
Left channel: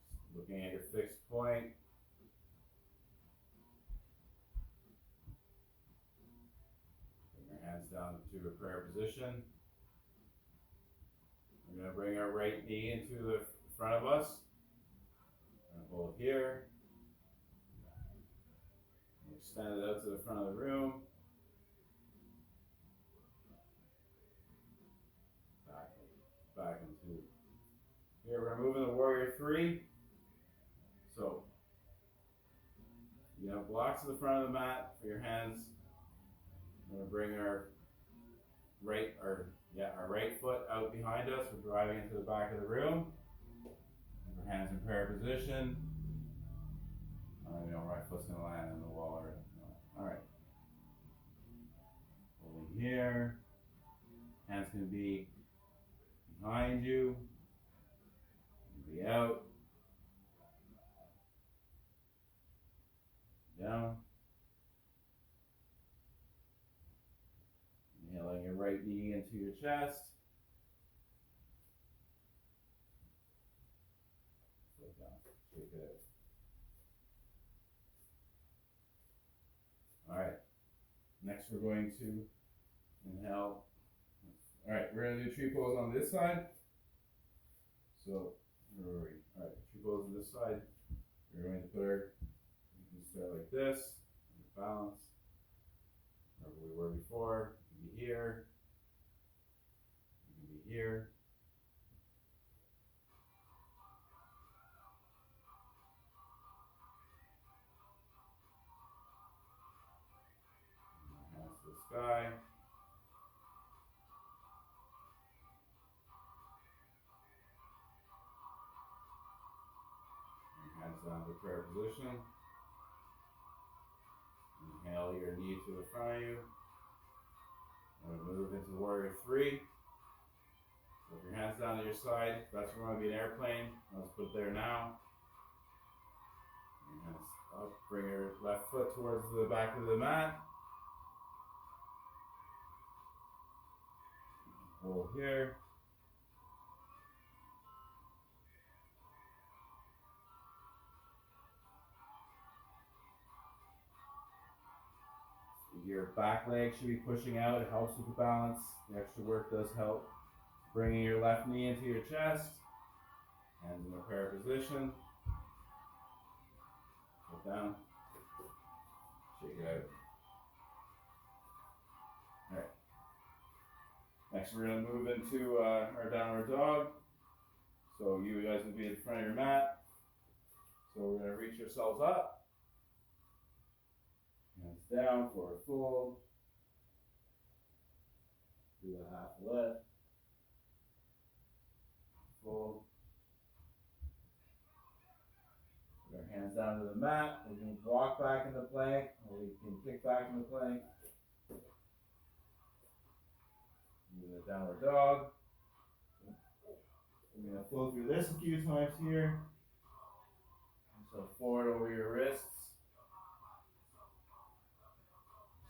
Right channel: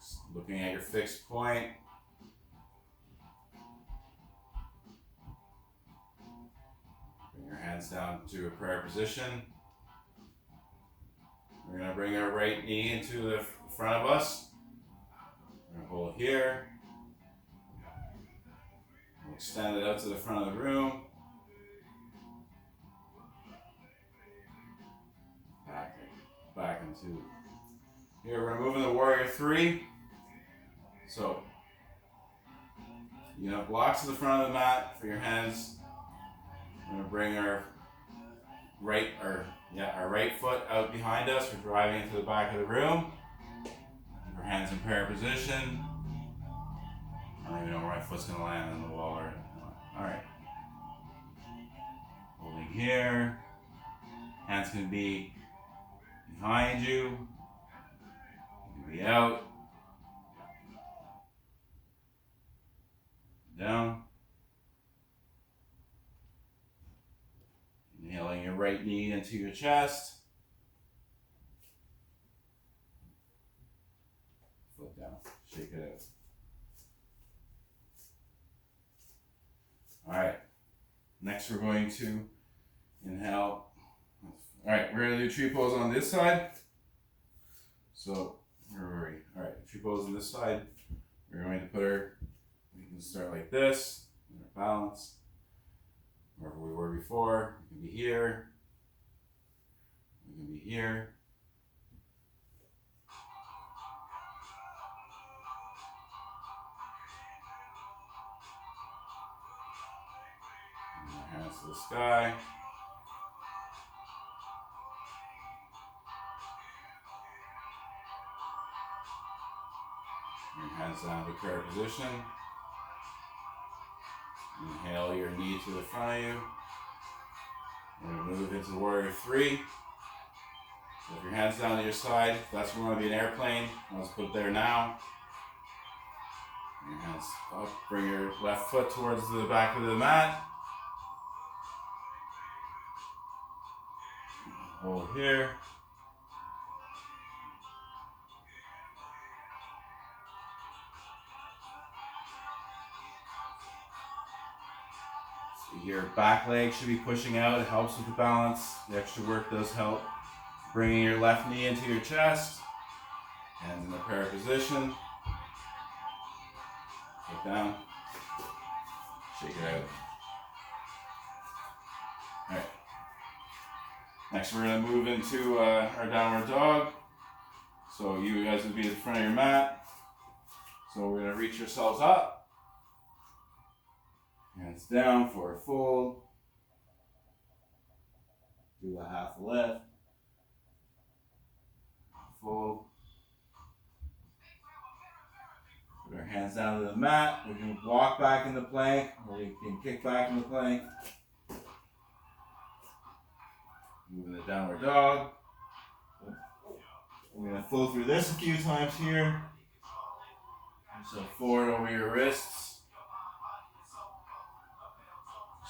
Just looking at your fixed point. Bring your hands down to a prayer position. We're going to bring our right knee into the front of us. We're going to hold it here. We'll extend it out to the front of the room. Back into here. We're moving the warrior three. So you have blocks to the front of the mat for your hands. We're going to bring our right foot out behind us. We're driving into the back of the room. Our hands in prayer position. I don't even know where my foot's going to land on the wall. Alright. Holding here. Hands can be behind you. You can be out. Down. Inhaling your right knee into your chest. Foot down. Shake it out. Alright. Next we're going to inhale. Alright, we're going to do tree pose on this side. So, where were we? Alright, tree pose on this side. We're going to put we can start like this. Our balance. Wherever we were before. We can be here. We can be here. And our hands to the sky. Your hands down to prayer position. Inhale your knee to the front of you. We're going to move into warrior three. So if your hands down to your side, that's where you want to be an airplane. Let's put it there now. Your hands up. Bring your left foot towards the back of the mat. Hold here. Your back leg should be pushing out. It helps with the balance. The extra work does help. Bringing your left knee into your chest. Hands in the prayer position. Look down. Shake it out. Alright. Next we're going to move into our downward dog. So you guys would be in front of your mat. So we're going to reach yourselves up. Hands down for a fold. Do a half lift. Fold. Put our hands down to the mat. We can walk back in the plank, or we can kick back in the plank. Moving the downward dog. We're going to flow through this a few times here. So forward over your wrists.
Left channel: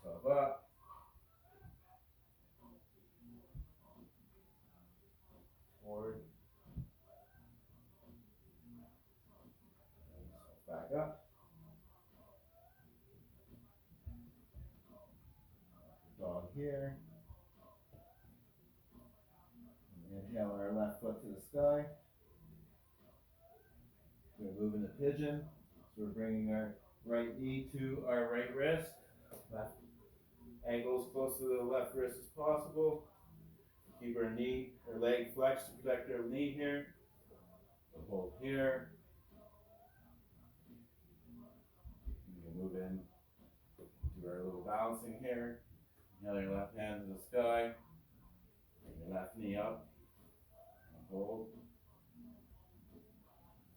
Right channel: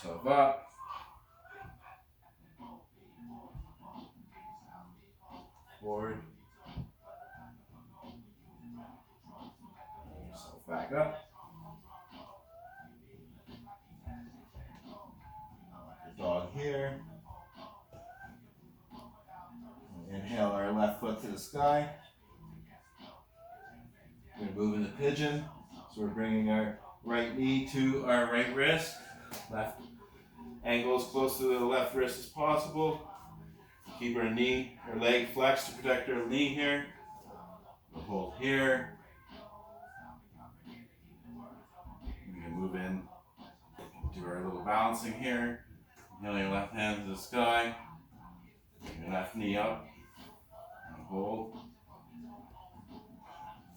Yourself up. Forward. Yourself back up. Dog here. Inhale our left foot to the sky. We're going to move into pigeon. So we're bringing our right knee to our right wrist. Left ankle as close to the left wrist as possible. Keep our knee, our leg flexed to protect our knee here. We'll hold here. We're going to move in, do our little balancing here. Inhale your left hand to the sky. Bring your left knee up. And hold.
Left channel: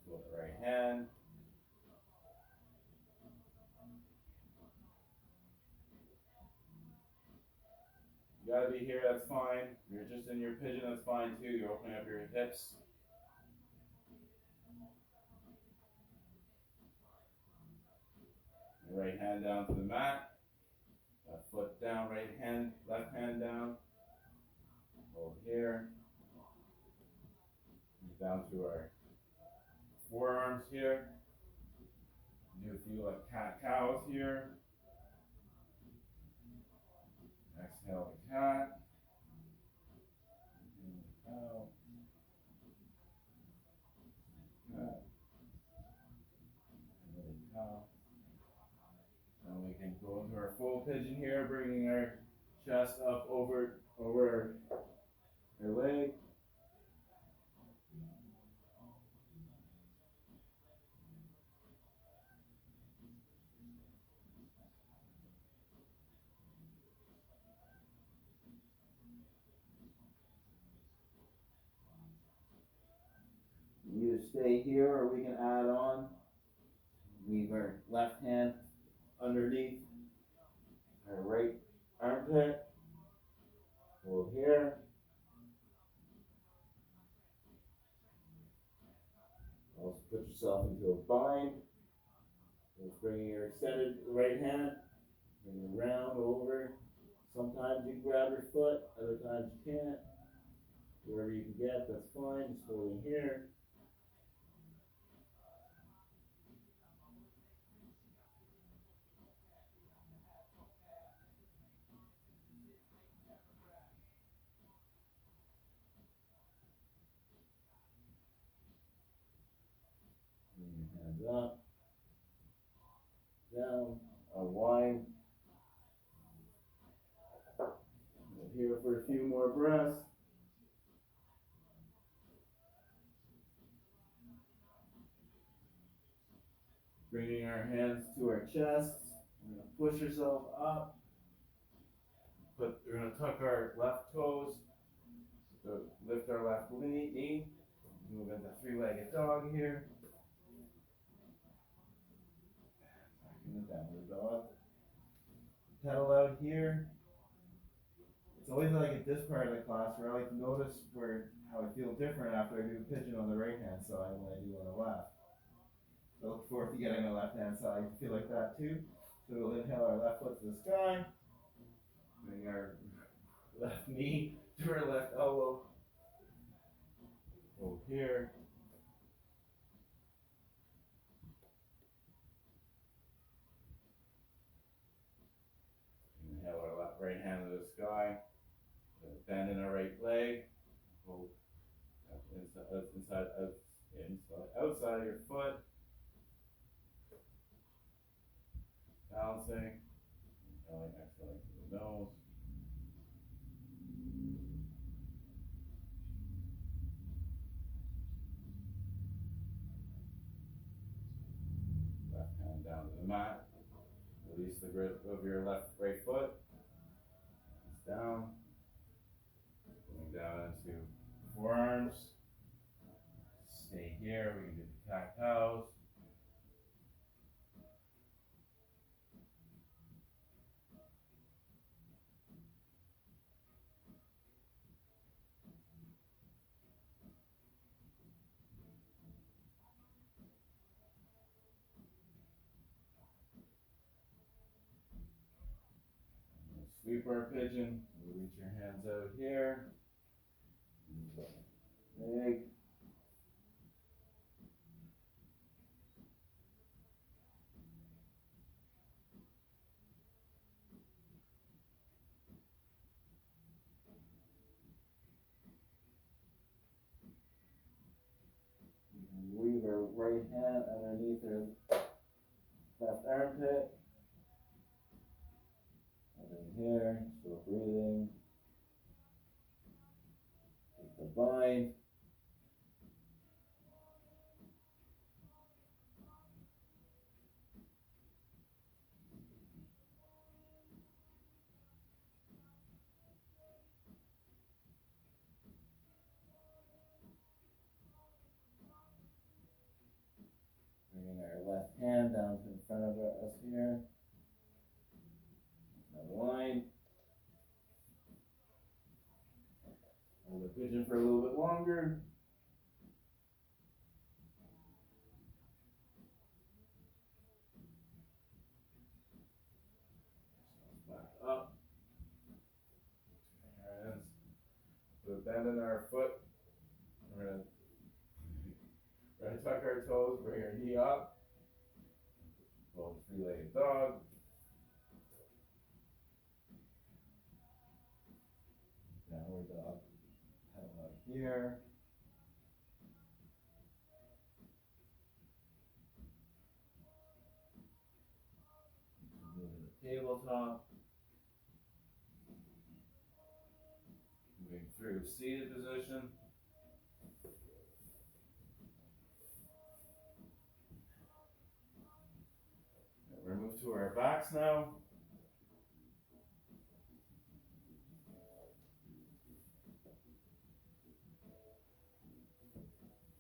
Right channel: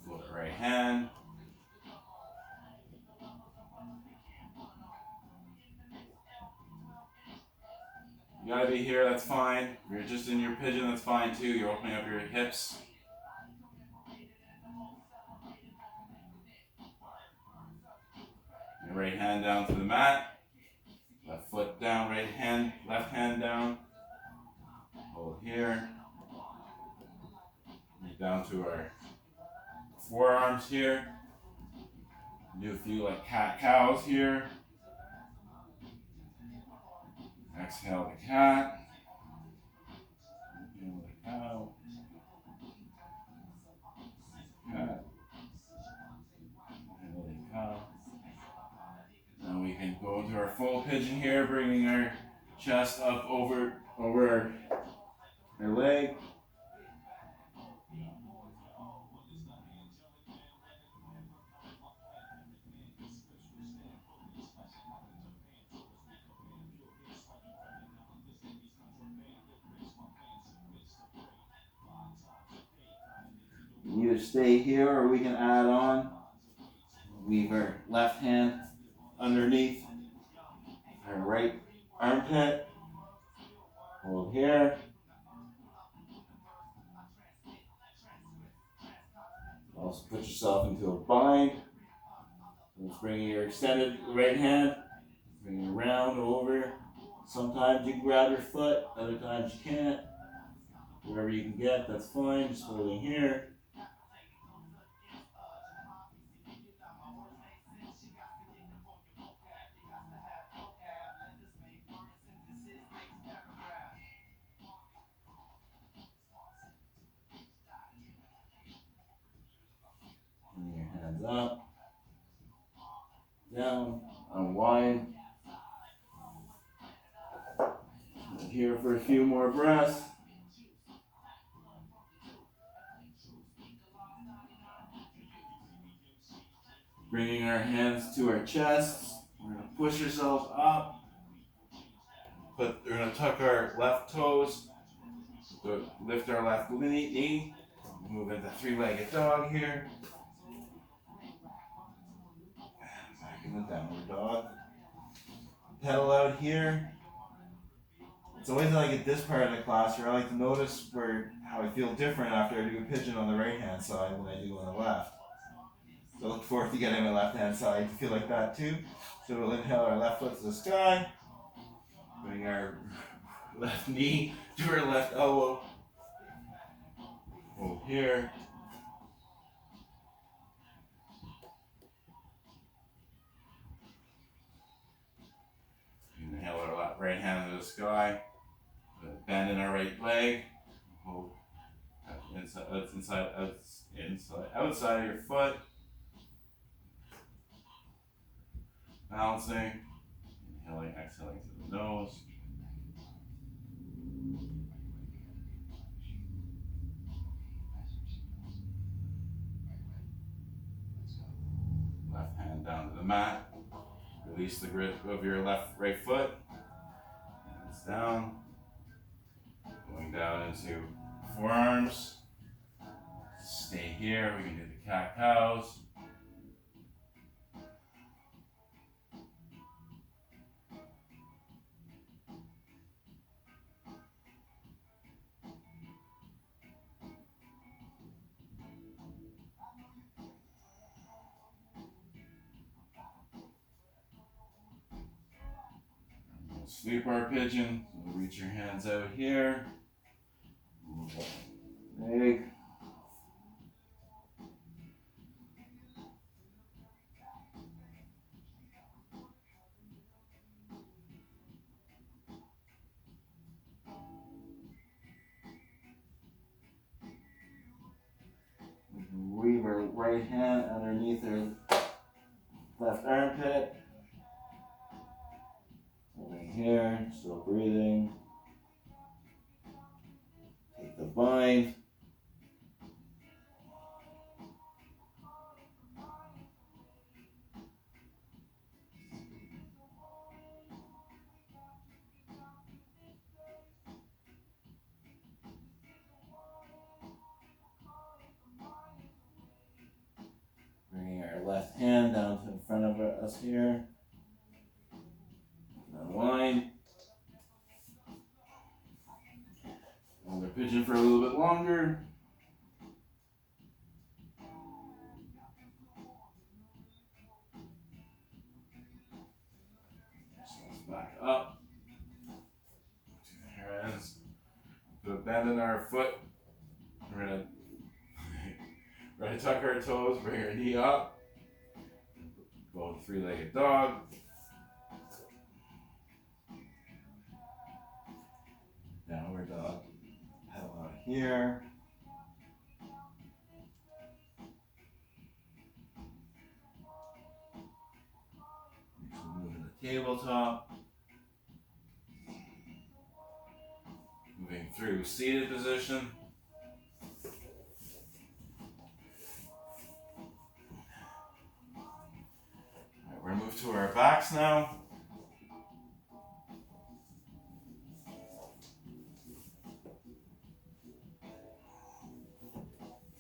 Float right hand. You gotta be here, that's fine. If you're just in your pigeon, that's fine too. You're opening up your hips. Your right hand down to the mat. Left foot down, right hand, left hand down. Hold here. Move down to our forearms here. Do a few like cat cows here. Exhale the cat. Inhale the cow. Cat. Inhale the cow. Now we can go into our full pigeon here, bringing our chest up over our leg. Either stay here or we can add on. Weave our left hand underneath our right armpit. Hold here. Also put yourself into a bind. Let's bring your extended right hand. Bring it around over. Sometimes you can grab your foot, other times you can't. Wherever you can get, that's fine. Just holding here. Bring your hands up, down, unwind. Here for a few more breaths. Bringing our hands to our chests. We're going to push ourselves up. We're going to tuck our left toes. Lift our left knee. Move into three-legged dog here. Back in the downward dog. Pedal out here. It's always like at this part of the class where I like to notice how I feel different after I do a pigeon on the right hand side than I do on the left. So I look forward to getting my left hand side to feel like that too. So we'll inhale our left foot to the sky. Bring our left knee to our left elbow. Hold here. to the sky. Bend in our right leg. Hold outside of your foot. Balancing. Inhaling, exhaling through the nose. Left hand down to the mat. Release the grip of your right foot. Hands down. Going down into forearms. Stay here. We can do the cat cows. Sleeper pigeon. So reach your hands out here. Leg. Weave our right hand underneath our left armpit. Holding here, still breathing. Take the bind. Bringing our left hand down to in front of us here. Unwind. Hold our pigeon for a little bit longer. So let's back up to the hands. Put a bend in our foot. We're gonna tuck our toes, bring our knee up. Go to three-legged dog. Downward dog. Pedal out here. Move to the tabletop. Moving through seated position. Alright, we're gonna move to our backs now.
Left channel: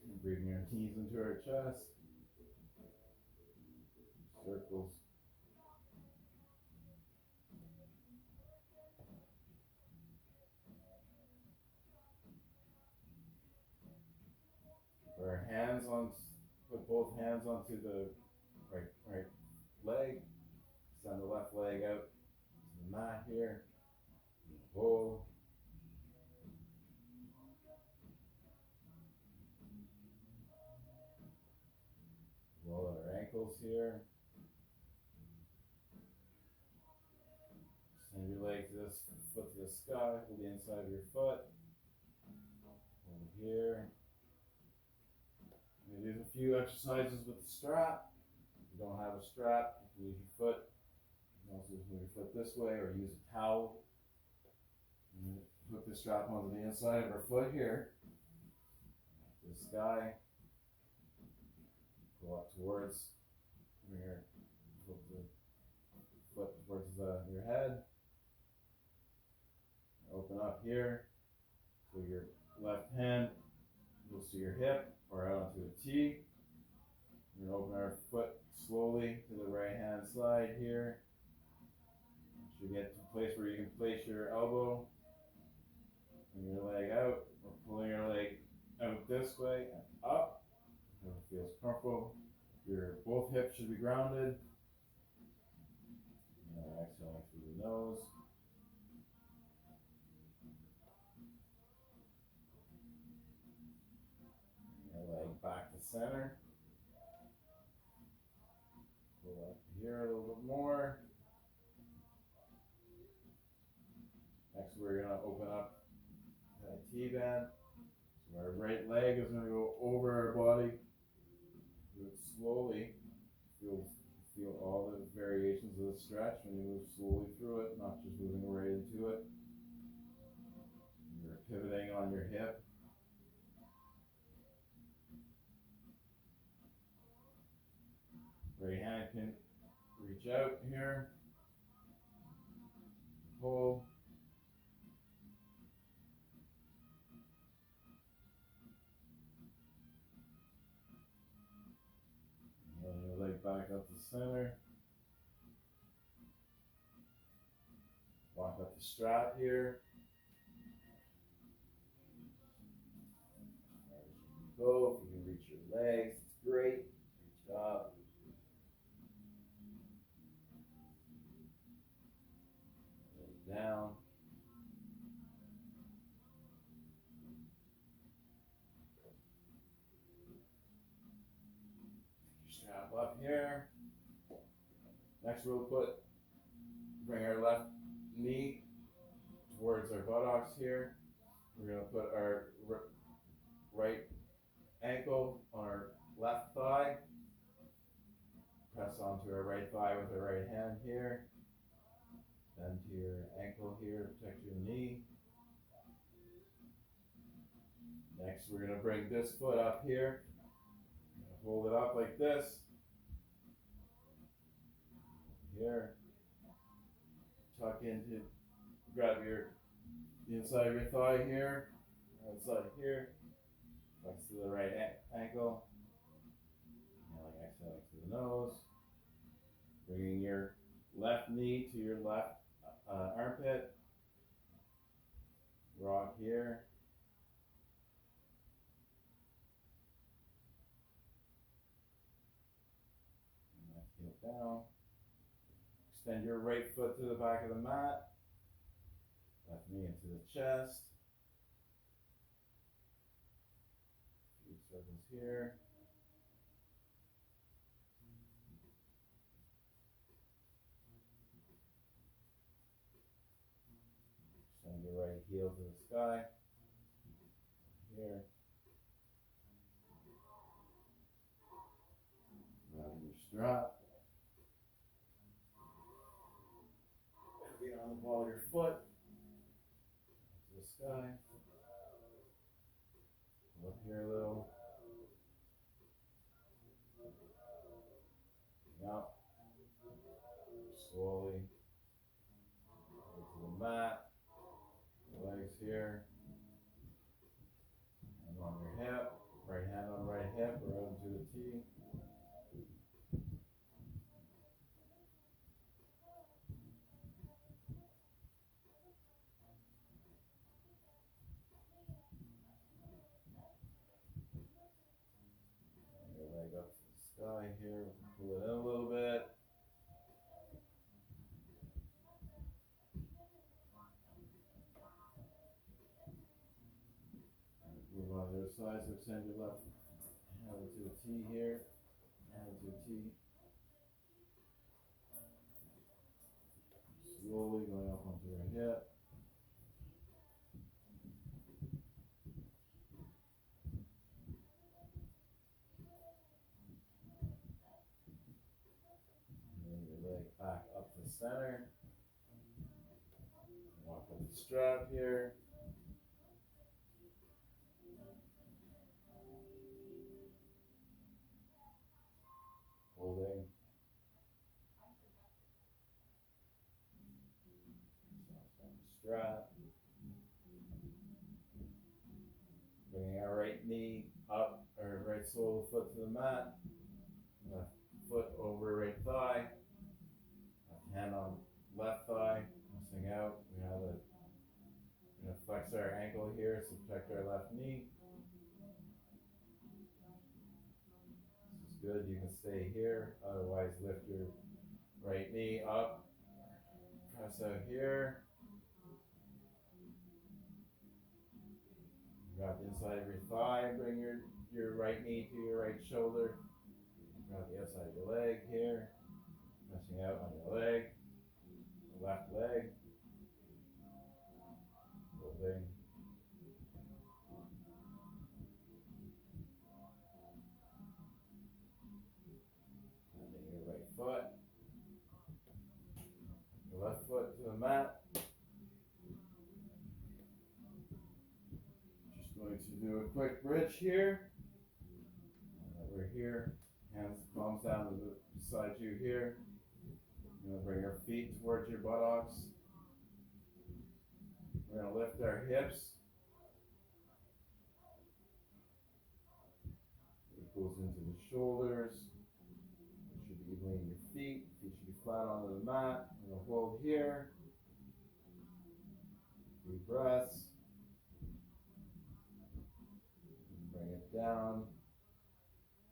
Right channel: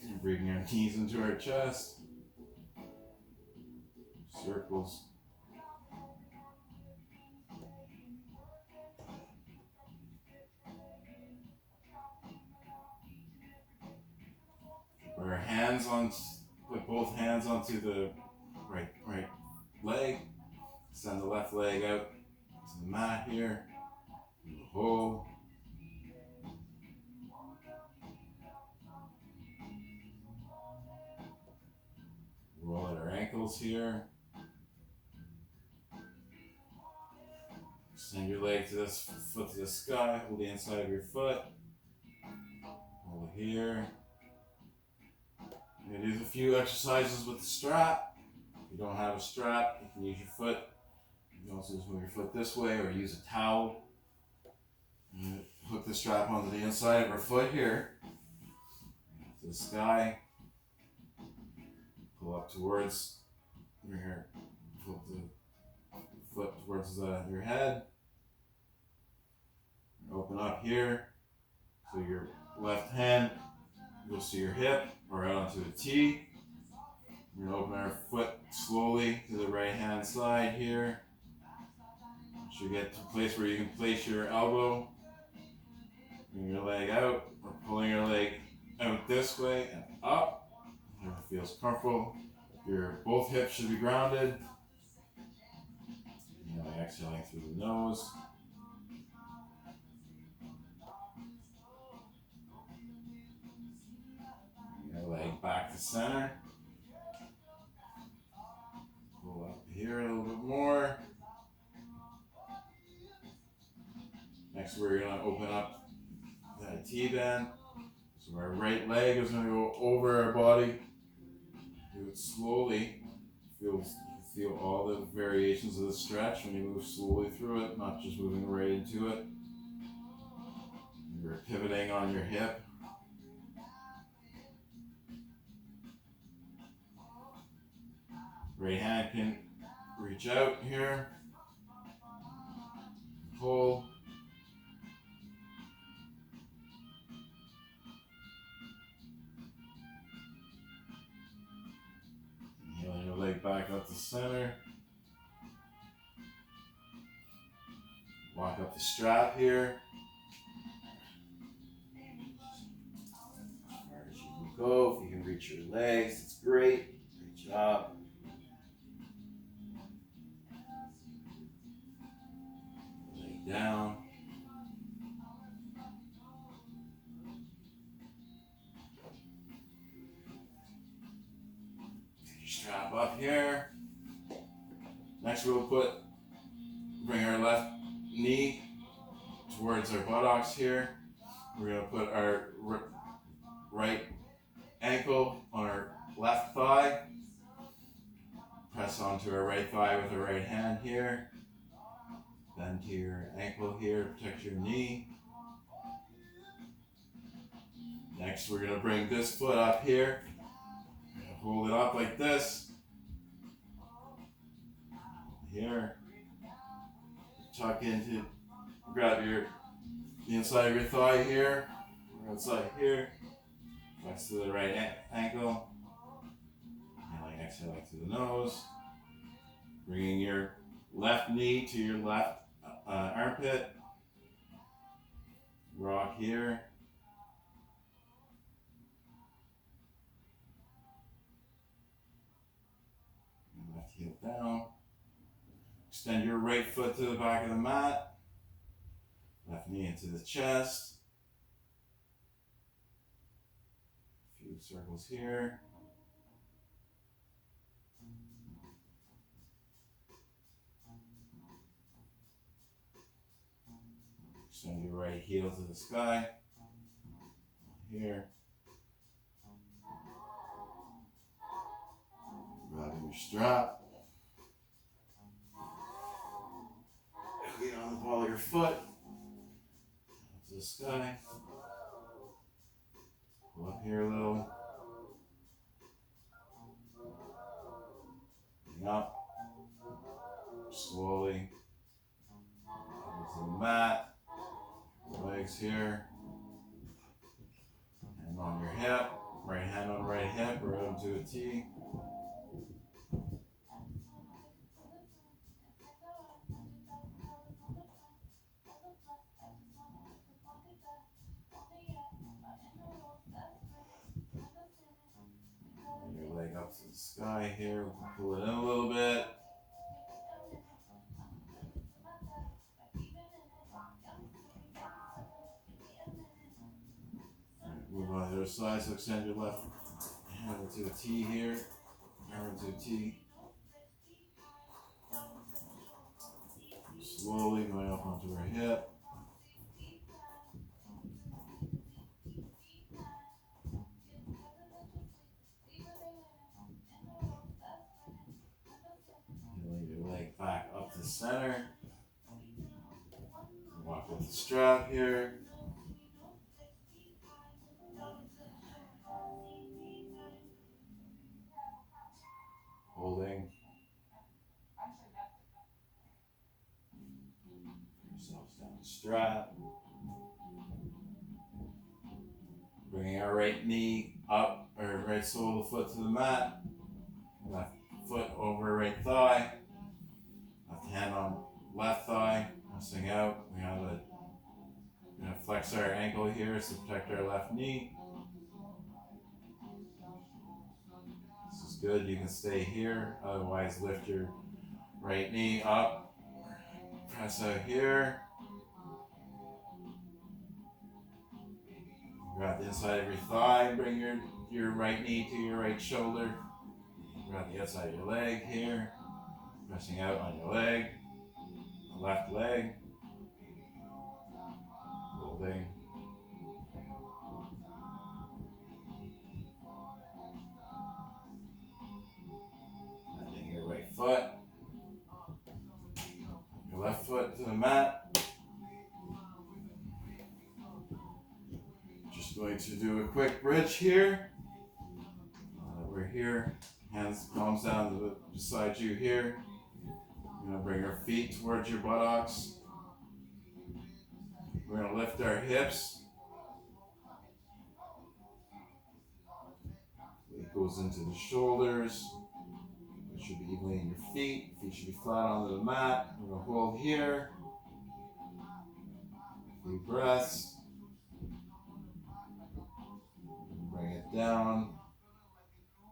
And bringing our knees into our chest. Circles. Put our hands on, put both hands onto the right leg. Send the left leg out to the mat here. Hold. Roll out our ankles here. Send your leg to this foot to the sky. Hold the inside of your foot. Hold here. You're gonna do a few exercises with the strap. If you don't have a strap, you can use your foot. You can also just move your foot this way or use a towel. Hook the strap onto the inside of our foot here. To the sky. Pull up towards your, pull the foot towards your head. Open up here. So your left hand goes to your hip or out onto a T. We're going to open our foot slowly to the right hand side here. You get to a place where you can place your elbow. Bring your leg out. We're pulling your leg out this way and up. Whatever feels comfortable. Your both hips should be grounded. Exhaling through the nose. Bring your leg back to center. Pull up here a little bit more. Next, we're gonna open up that T-band. So our right leg is gonna go over our body. Do it slowly. Feel all the variations of the stretch when you move slowly through it, not just moving right into it. You're pivoting on your hip. Right hand can reach out here. Hold. Inhaling your leg back up to center. Walk up the strap here. As far as you can go, if you can reach your legs, it's great. Great job. Leg down. Take your strap up here. Next we'll bring our left knee towards our buttocks here. We're going to put our right ankle on our left thigh. Press onto our right thigh with our right hand here. Bend to your ankle here to protect your knee. Next, we're going to bring this foot up here. Hold it up like this. Here. Tuck into, grab the inside of your thigh here, or outside here. Flex to the right ankle. Inhaling, exhaling through the nose. Bringing your left knee to your left armpit. Rock here. And left heel down. Extend your right foot to the back of the mat. Left knee into the chest. A few circles here. Extend your right heel to the sky. Here. Grabbing your strap. Get on the ball of your foot. Up to the sky. Go up here a little. Bring up. Slowly. Over to the mat. Legs here. Hand on your hip. Right hand on right hip. Right up to a T. Your leg up to the sky here. Pull it in a little bit. Move on the other side, so extend your left hand to a T here, arm to a T. Slowly going up onto our hip. Lay your leg back up to center. Walk with the strap here. Holding. Yourselves down the strap. Bringing our right knee up, or right sole of the foot to the mat. Left foot over right thigh. Left hand on left thigh. Pressing out. We're gonna flex our ankle here to protect our left knee. This is good. You can stay here. Otherwise, lift your right knee up. Press out here. Grab the inside of your thigh. Bring your right knee to your right shoulder. Grab the outside of your leg here. Pressing out on your leg. The left leg. Holding. Bending your right foot. Your left foot to the mat. Just going to do a quick bridge here. We're here. Hands, palms down beside you here. We're going to bring our feet towards your buttocks. We're going to lift our hips. It goes into the shoulders. It should be evenly in your feet. Feet should be flat onto the mat. We're going to hold here. Few breaths. Bring it down.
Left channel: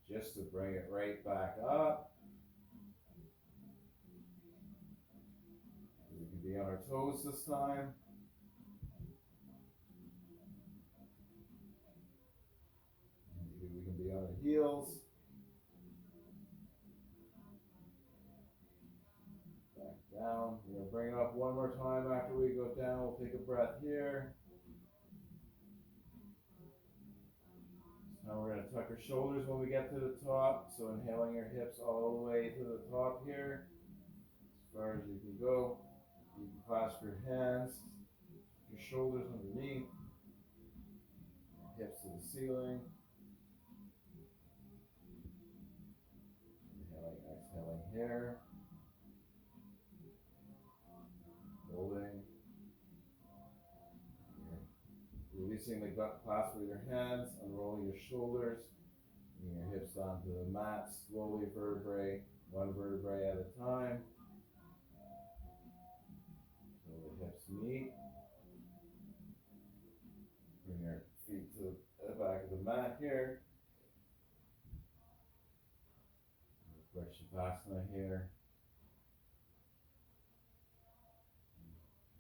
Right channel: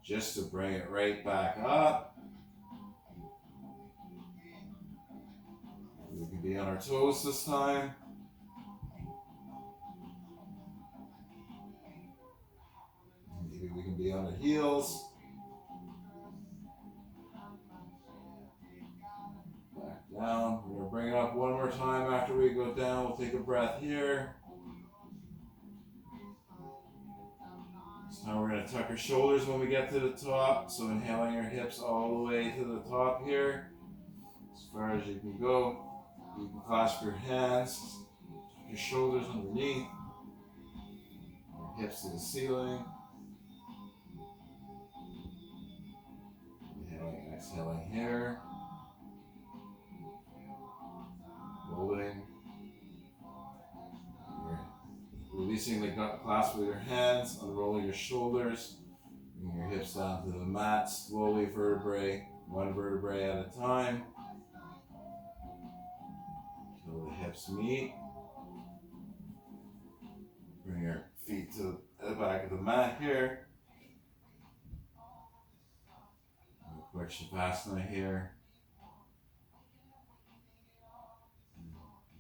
Just to bring it right back up. We can be on our toes this time. Maybe we can be on our heels. Back down. We're going to bring it up one more time after we go down. We'll take a breath here. This time we're going to tuck our shoulders when we get to the top. So inhaling your hips all the way to the top here. As far as you can go. You can clasp your hands, your shoulders underneath, your hips to the ceiling. Inhaling, exhaling here. Holding. You're releasing the gut clasp with your hands, unrolling your shoulders, bringing your hips down to the mat, slowly one vertebrae at a time. Until the hips meet. Bring your feet to the back of the mat here. A quick Shavasana here.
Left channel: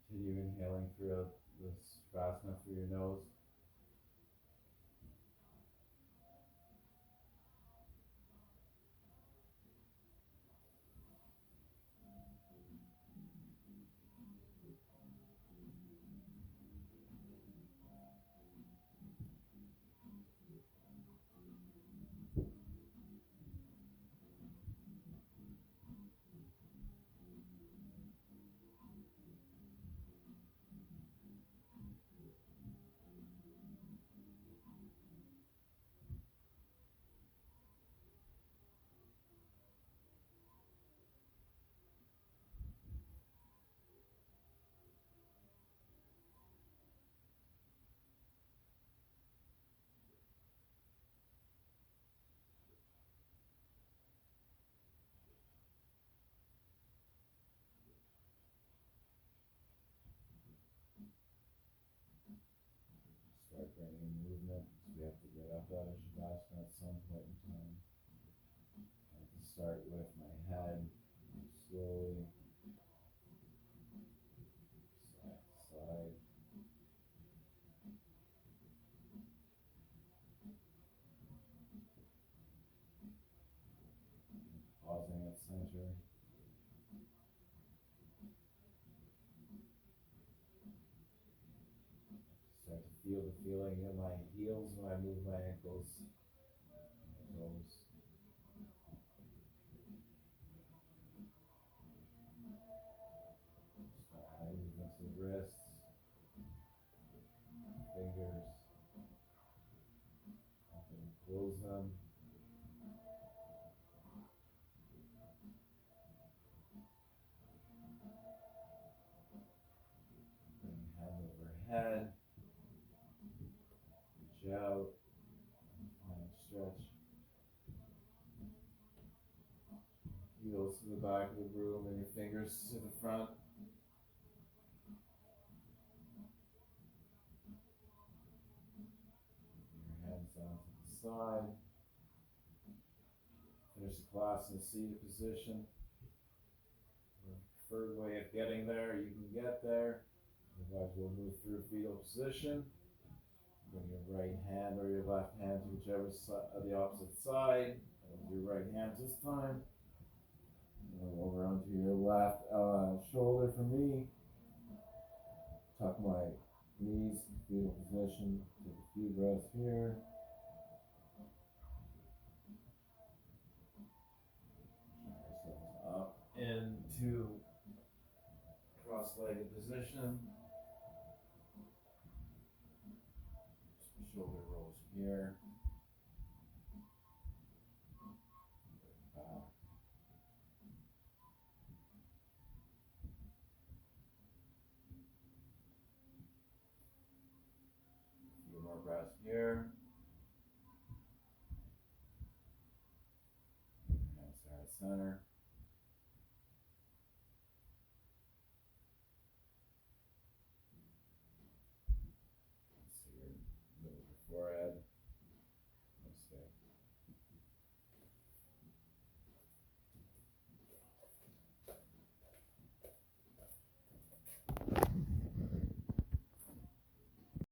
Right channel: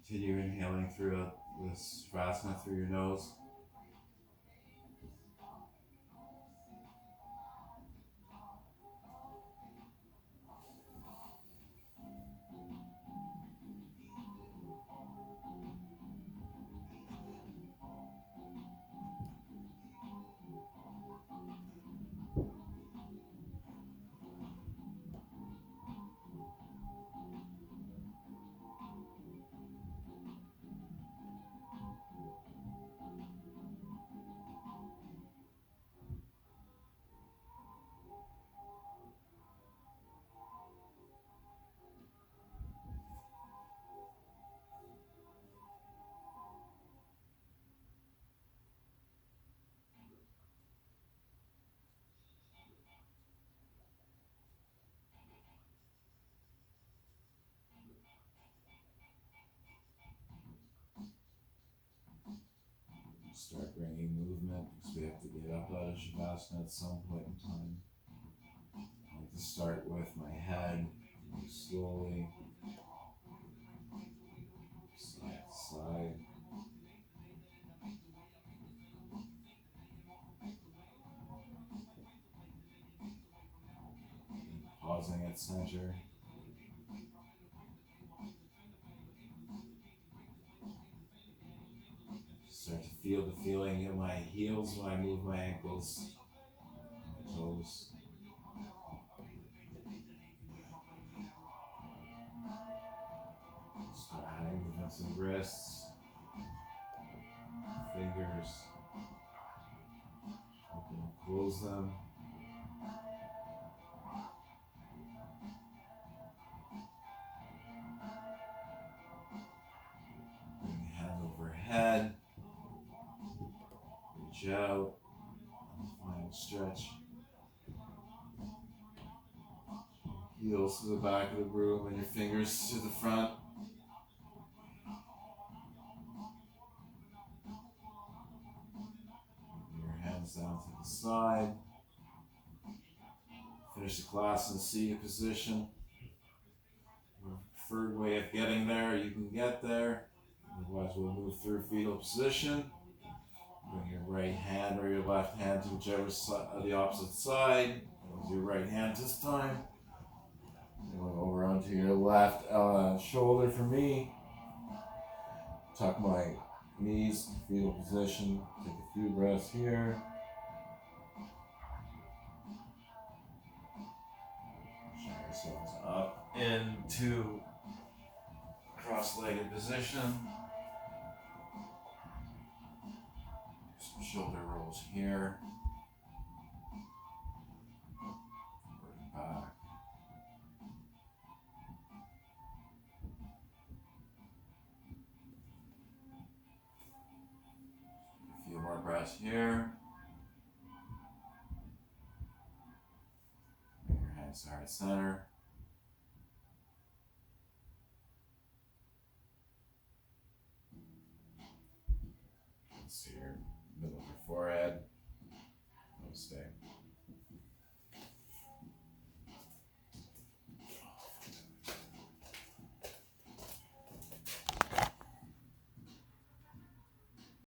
Continue inhaling through this Shavasana through your nose. Start bringing movement because we have to get up out of Shavasana at some point in time. I like to start with my head, move slowly, side to side. And pausing at center. Start to feel the feeling in my heels when I move my ankles, my toes. Start adding movements in wrists, fingers. Open and close them. Bring hand over head. Reach out. Final stretch. Heels to the back of the room and your fingers to the front. Your hands down to the side. Finish the class in the seated position. Your preferred way of getting there, you can get there. Otherwise, we'll move through fetal position. Bring your right hand or your left hand to whichever side, the opposite side. Use your right hand this time. Going over onto your left shoulder for me. Tuck my Knees, fetal position. Take a few breaths here. Pushing ourselves up into cross-legged position. Some shoulder rolls here. Work back. A few more breaths here. Bring your hands to heart center. See your middle of your forehead. Namaste.